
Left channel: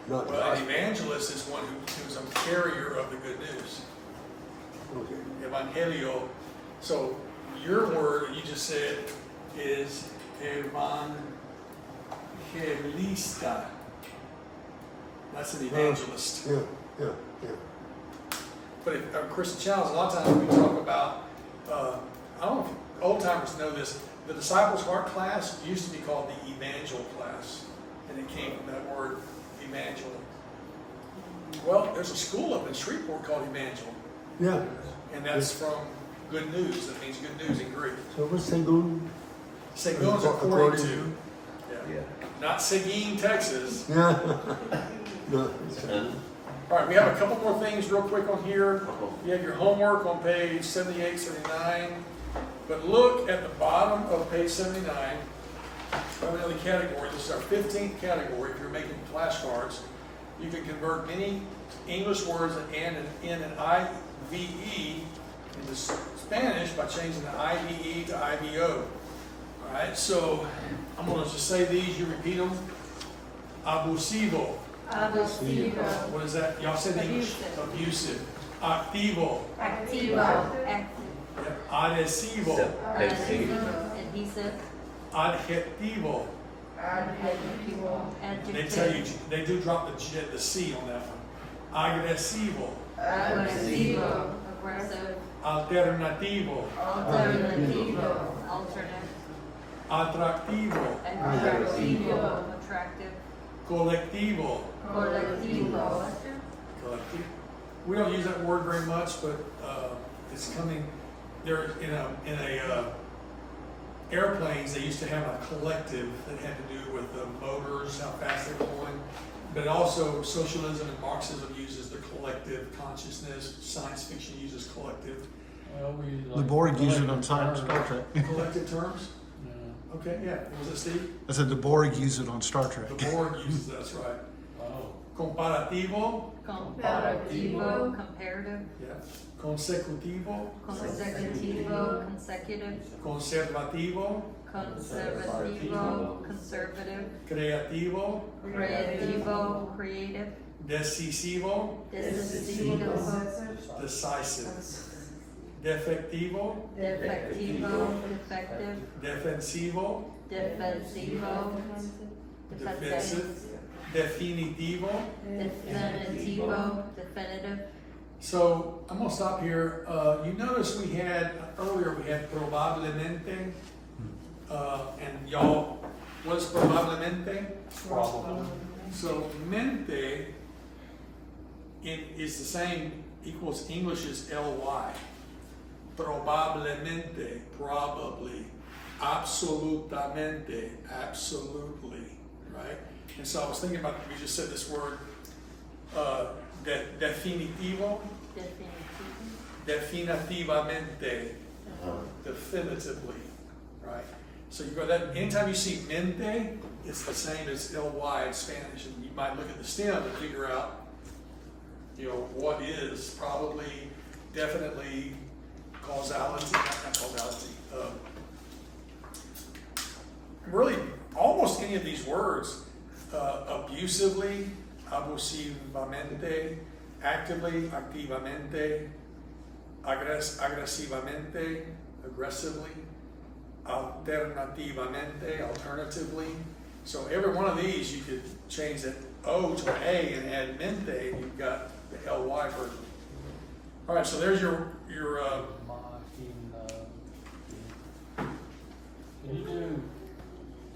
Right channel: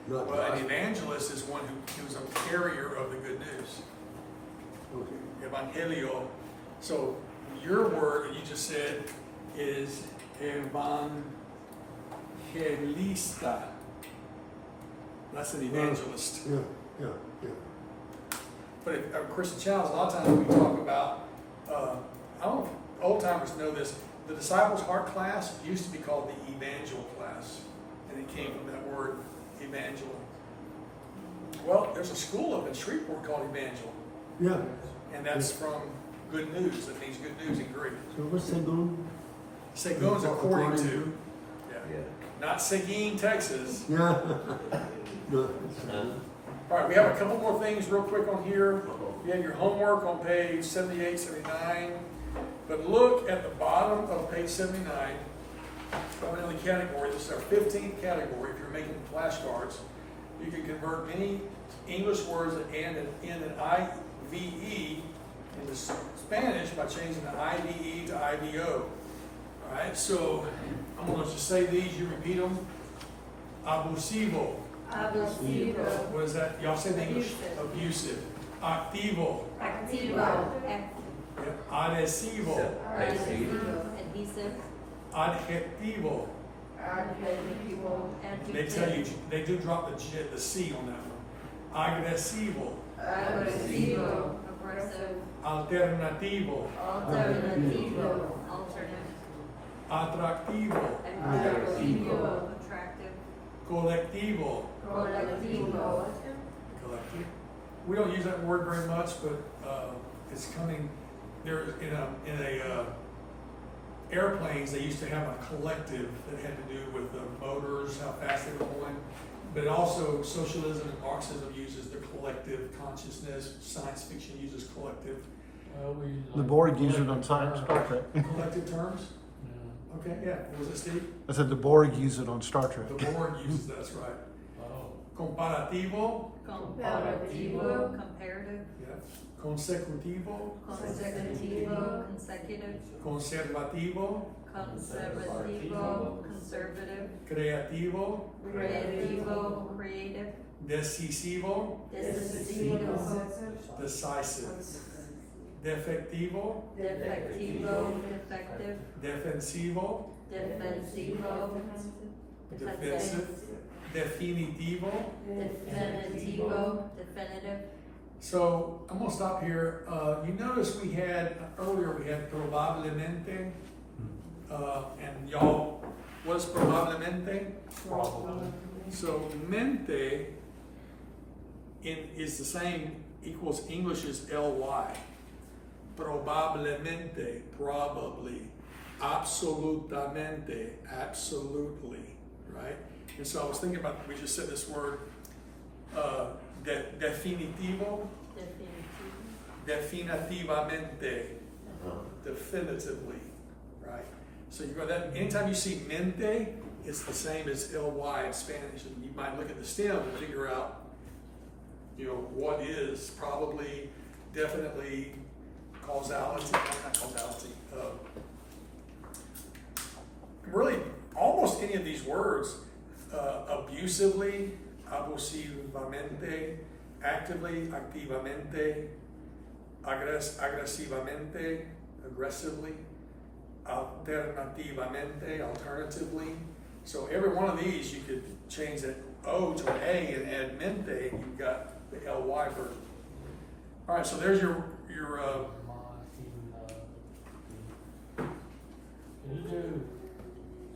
not Well, an gospel. evangelist is one who's a carrier of the good news. Okay. Evangelio. So your word that you just said is evangelista. That's an evangelist. Yeah, yeah, yeah. But if, Christian Childs, a lot of times we talk about, I don't know if old timers know this, the Disciples' Heart class used to be called the Evangel class, and it came from that word, evangel. Well, there's a school up in Shreveport called Evangel, Yeah. and that's from good news. That means good news in Greek. So what's Segun? Segun's according to, yeah. Yeah. Not Seguin, Texas. Yeah. No. All right, we have a couple more things real quick on here. You have your homework on page 78, 79. But look at the bottom of page 79. Another category. This is our 15th category. If you're making flashcards, you can convert many English words that end in an IVE into Spanish by changing the IVE to IVO. All right, so I'm going to just say these. You repeat them. Abusivo. Abusivo. What is that? Y'all said English. Abusive. Activo. Activo. Adhesivo. Adhesive. Adjetivo. They tell you, Adjective. they do drop the C on that one. Agresivo. Aggressivo. Aggressive. Alternativo. Alternativo. Alternate. Atractivo. Attractivo. Attractive. Colectivo. Collectivo. Collective. We don't use that word very much, but it's coming. There in a airplanes, they used to have a collective that had to do with the motors, how fast they were going. But also socialism and Marxism uses the collective consciousness. Science fiction uses collective. Well, we use The like Borg use it on collective Star terms. Trek. Collective terms? Yeah. Okay, yeah. What was it, Steve? I said the Borg use it on Star Trek. The Borg uses that, that's right. Oh, Comparativo, Comparativo. Comparative. yeah. Consecutivo, Consecutivo. Consecutive. conservativo, Conservativo. Conservative. creativo, Creativo. Creative. decisivo, Decisivo. decisive. Defectivo, Defectivo. Defective. defensivo, Defensivo. defensive, definitivo. Definitivo. Definitive. So I'm gonna stop here. You notice we had earlier we had probablemente, and y'all, what's probablemente? probably. So mente is the same, equals English's ly. Probablemente, probably. Absolutamente, absolutely, right? And so I was thinking about, we just said this word, definitivo, definitivamente, definitively, right? So you got that, anytime you see mente, it's the same as ly in Spanish, and you might look at the stem and figure out, what is probably, definitely, causality, not causality. Really, almost any of these words, abusively, abusivamente, actively, activamente, agresivamente, aggressively, alternativamente, alternatively. So every one of these, you could change that O to an A and add mente, and you've got the ly version. All right, so there's your Can you do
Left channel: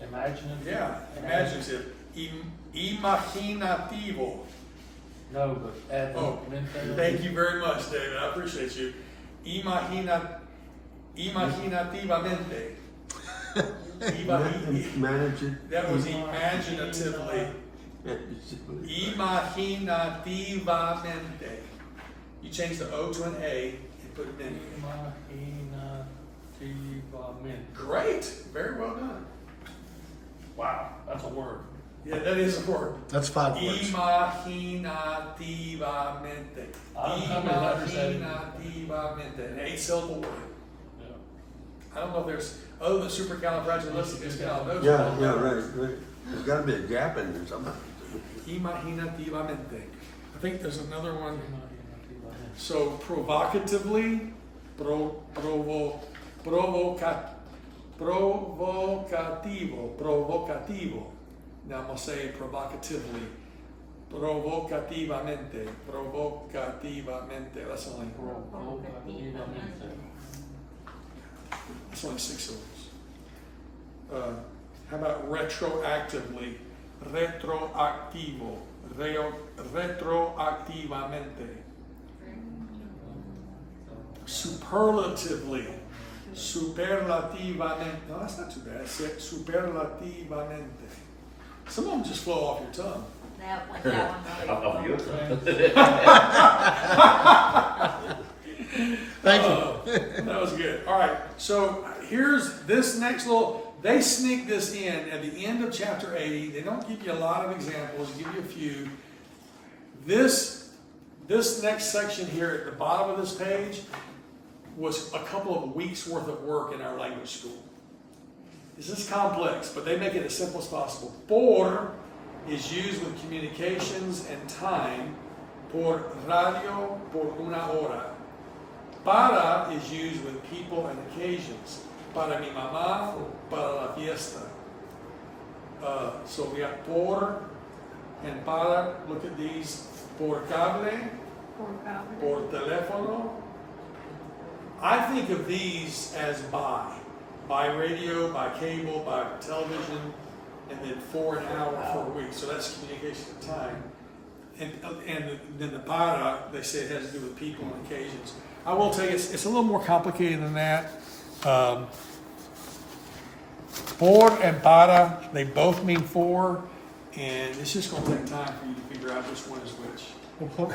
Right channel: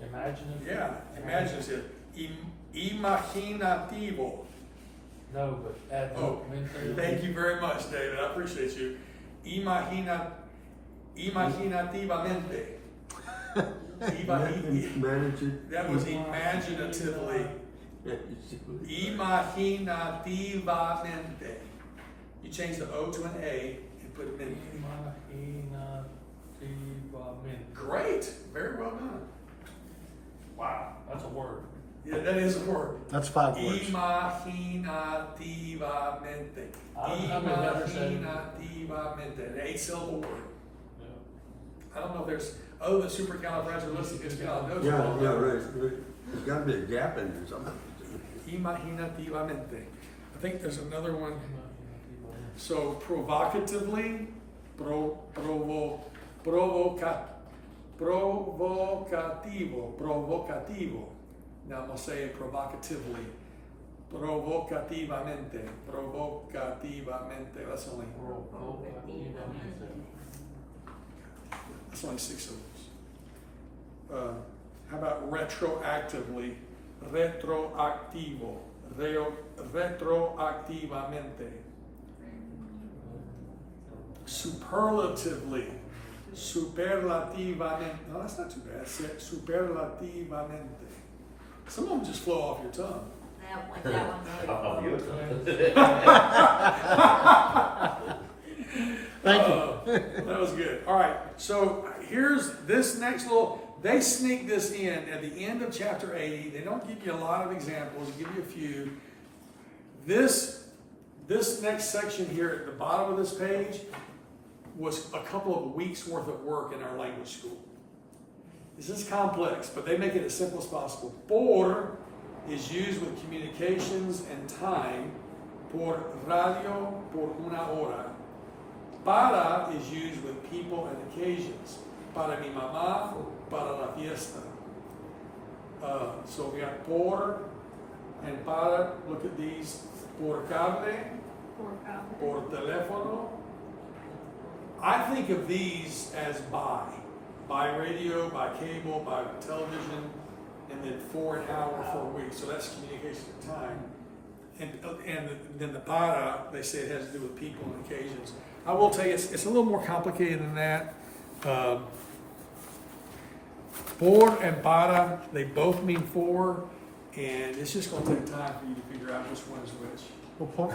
imaginative? yeah, imaginative, imaginativo. No, but add Oh, mente. thank you very much, David. I appreciate you. Imaginativamente. Manage it. That was imaginatively. Imaginativamente. You change the O to an A and put it in. Imaginativamente. Great. Very well done. Wow, that's a word. Yeah, that is a word. That's 5 words. Imaginativamente. How many letters that is? Imaginativamente. An 8-syllable word. Yeah. I don't know if there's, other than supercalifragilisticexpialidocious. Yeah, right. There's gotta be a gap in there somewhere. imaginativamente. I think there's another one. So provocatively, provocativo. Now I'm gonna say provocatively. Provocativamente. That's only 6 syllables. How about retroactively? Retroactivo. Retroactivamente. Superlatively. Superlativamente. No, that's not too bad. Superlativamente. Some of them just flow off your tongue. That one really. Thank you. That was good. All right. So here's this next little. They sneak this in at the end of chapter 80. They don't give you a lot of examples. They give you a few. This next section here at the bottom of this page was a couple of weeks worth of work in our language school. This is complex, but they make it as simple as possible. Por is used with communications and time. Por radio, por una hora. Para is used with people and occasions. Para mi mamá, para la fiesta. So we have por and para. Look at these. Por cable, por teléfono. I think of these as by radio, by cable, by television, and then for an hour for a week. So that's communication and time. And then the para, they say it has to do with people and occasions. I will tell you, it's a little more complicated than that. Por and para, they both mean for, and it's just going to take time for you to figure out which one is which. Well, por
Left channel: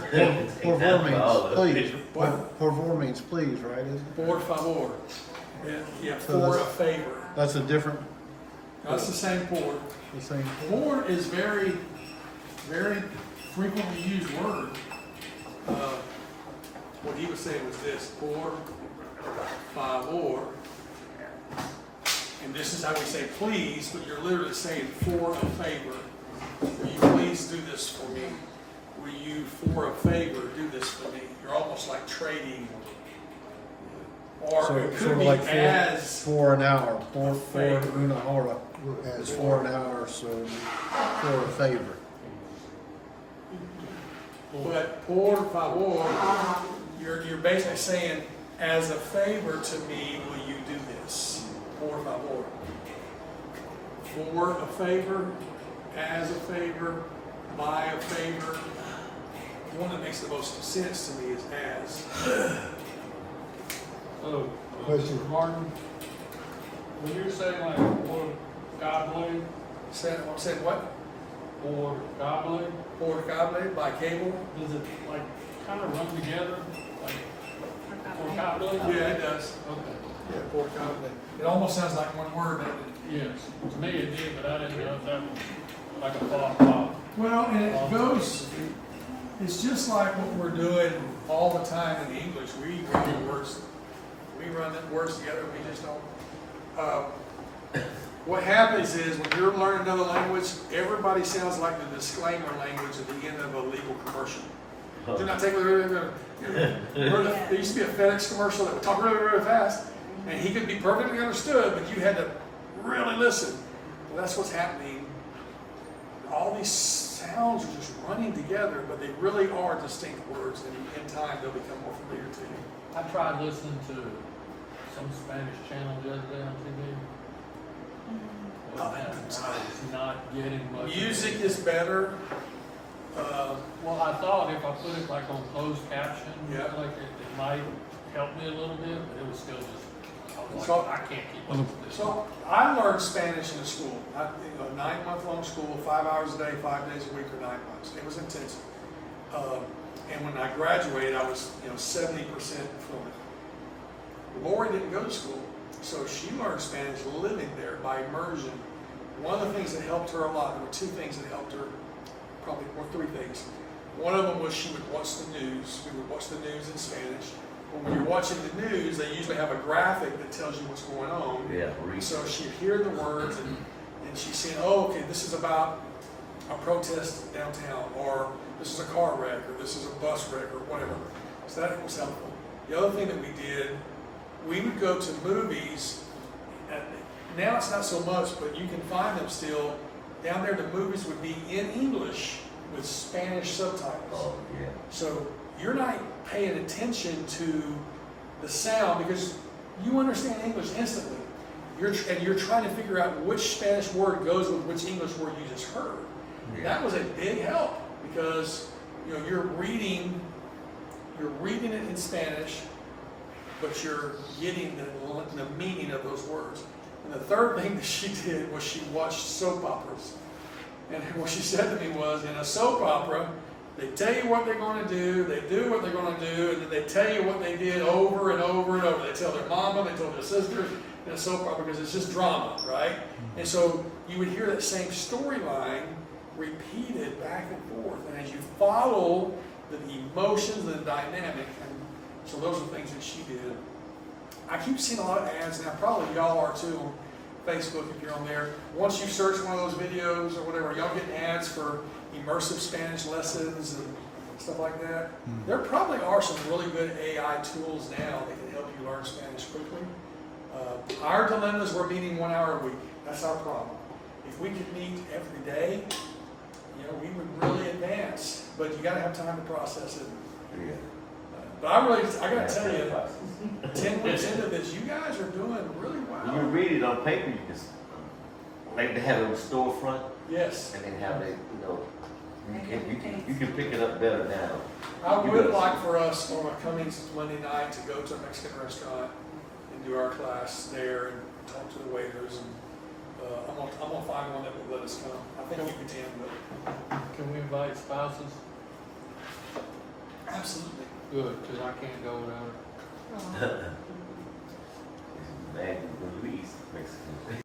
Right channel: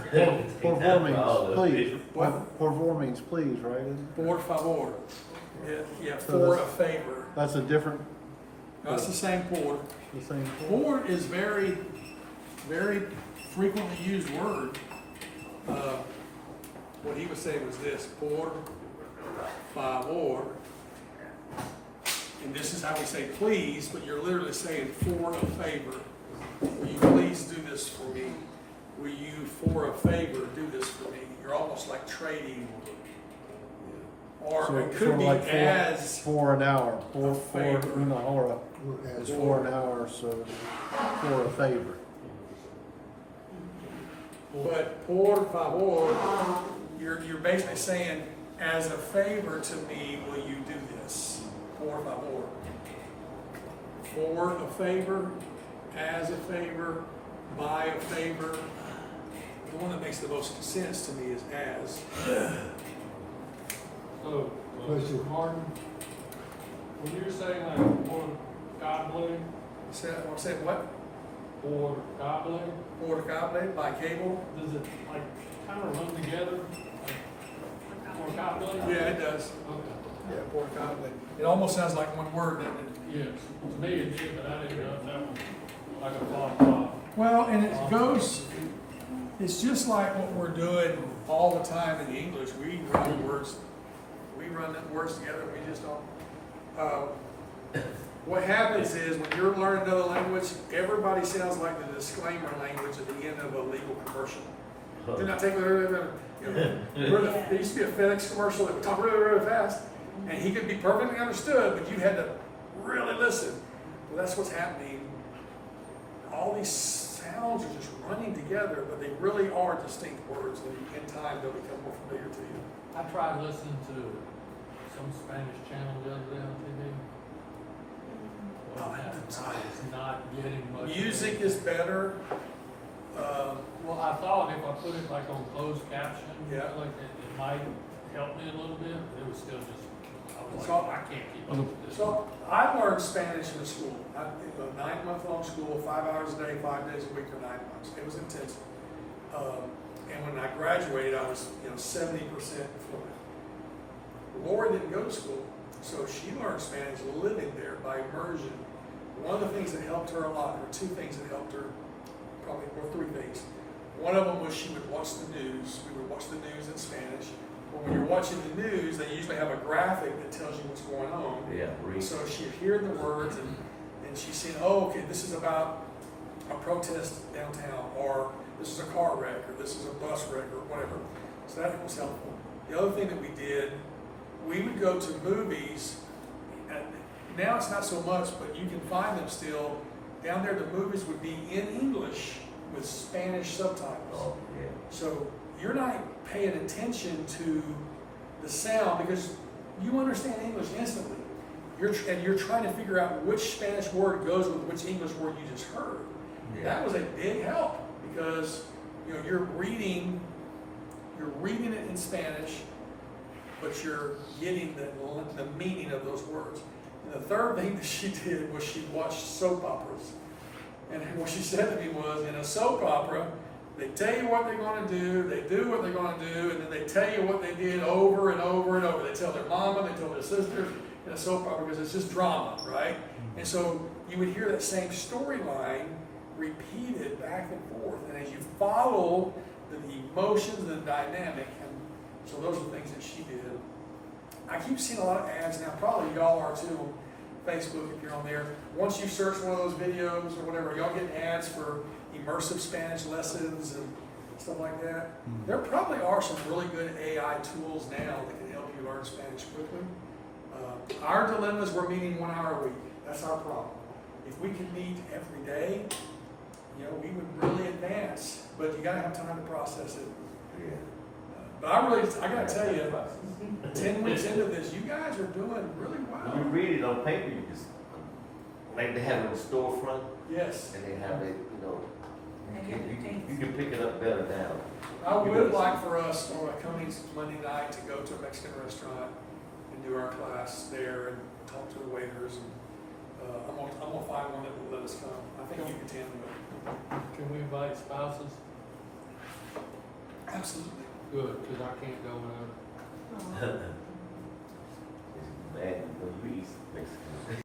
favor means please. Por favor means please, right? Isn't it? Por favor. Yeah, So for a that's- favor. That's a different, That's the same por. the same. Por is very, very frequently used word. What he was saying was this, por favor. And this is how we say please, but you're literally saying for a favor. Will you please do this for me? Will you, for a favor, do this for me? You're almost like trading. Or So it sort could of be like as for an hour, for favor. una hora is for an hour, so for a favor. But por favor, you're basically saying, as a favor to me, will you do this? Por favor. For a favor, as a favor, by a favor. The one that makes the most sense to me is as. So, Question. Mr. Martin, when you're saying like por cable, Say what? por cable, Por cable, by cable? does it like kind of run together? Like por cable? Yeah, it does. Okay. Yeah, por cable. It almost sounds like one word, doesn't it? Yes, to me it did, but I didn't know if that was like a pop. Well, and it goes, it's just like what we're doing all the time in English. We run words together, we just don't. What happens is when you're learning another language, everybody sounds like the disclaimer language at the end of a legal commercial. Do not take there used to be a FedEx commercial that would talk really, really fast, and he could be perfectly understood, but you had to really listen. Well, that's what's happening. All these sounds are just running together, but they really are distinct words, and in time they'll become more familiar to you. I tried listening to some Spanish channel the other day on TV. I was not getting much. Music is better. Well, I thought if I put it like on closed caption, Yeah. like it might help me a little bit, but it was still just, I was So- like, I can't keep up with this. So I learned Spanish in school. A 9-month-long school, 5 hours a day, 5 days a week, or 9 months. It was intensive. And when I graduated, I was 70% fluent. Lori didn't go to school, so she learned Spanish living there by immersion. One of the things that helped her a lot, there were 2 things that helped her, probably, or 3 things. One of them was she would watch the news. We would watch the news in Spanish. When you're watching the news, they usually have a graphic that tells you what's going on. Yeah, read. So she'd hear the words and she's saying, oh, okay, this is about a protest downtown, or this is a car wreck, or this is a bus wreck, or whatever. So that was helpful. The other thing that we did, we would go to movies. Now it's not so much, but you can find them still. Down there, the movies would be in English with Spanish subtitles. Oh, yeah. So you're not paying attention to the sound because you understand English instantly. You're trying to figure out which Spanish word goes with which English word you just heard. Yeah. That was a big help because you're reading it in Spanish, but you're getting the meaning of those words. And the third thing that she did was she watched soap operas. And what she said to me was, in a soap opera, they tell you what they're going to do, they do what they're going to do, and then they tell you what they did over and over and over. They tell their mama, they tell their sisters in a soap opera because it's just drama, right? And so you would hear that same storyline repeated back and forth. And as you follow the emotions and the dynamic, and so those are things that she did. I keep seeing a lot of ads now, probably y'all are too on Facebook if you're on there. Once you search one of those videos or whatever, y'all get ads for immersive Spanish lessons and stuff like that. There probably are some really good AI tools now that can help you learn Spanish quickly. Our dilemmas, we're meeting 1 hour a week. That's our problem. If we could meet every day, we would really advance. But you got to have time to process it. Yeah. But I got to tell you, 10 weeks into this, you guys are doing really When you well. read it on paper, you just, like they have it on the storefront, Yes. and they have it, you can pick it up better now. I would like for us on a coming Monday night to go to a Mexican restaurant and do our class there and talk to the waiters. And I'm gonna find one that would let us come. I think you can, but Can we invite spouses? absolutely. Good, because I can't go without her. It's bad, the least Mexican.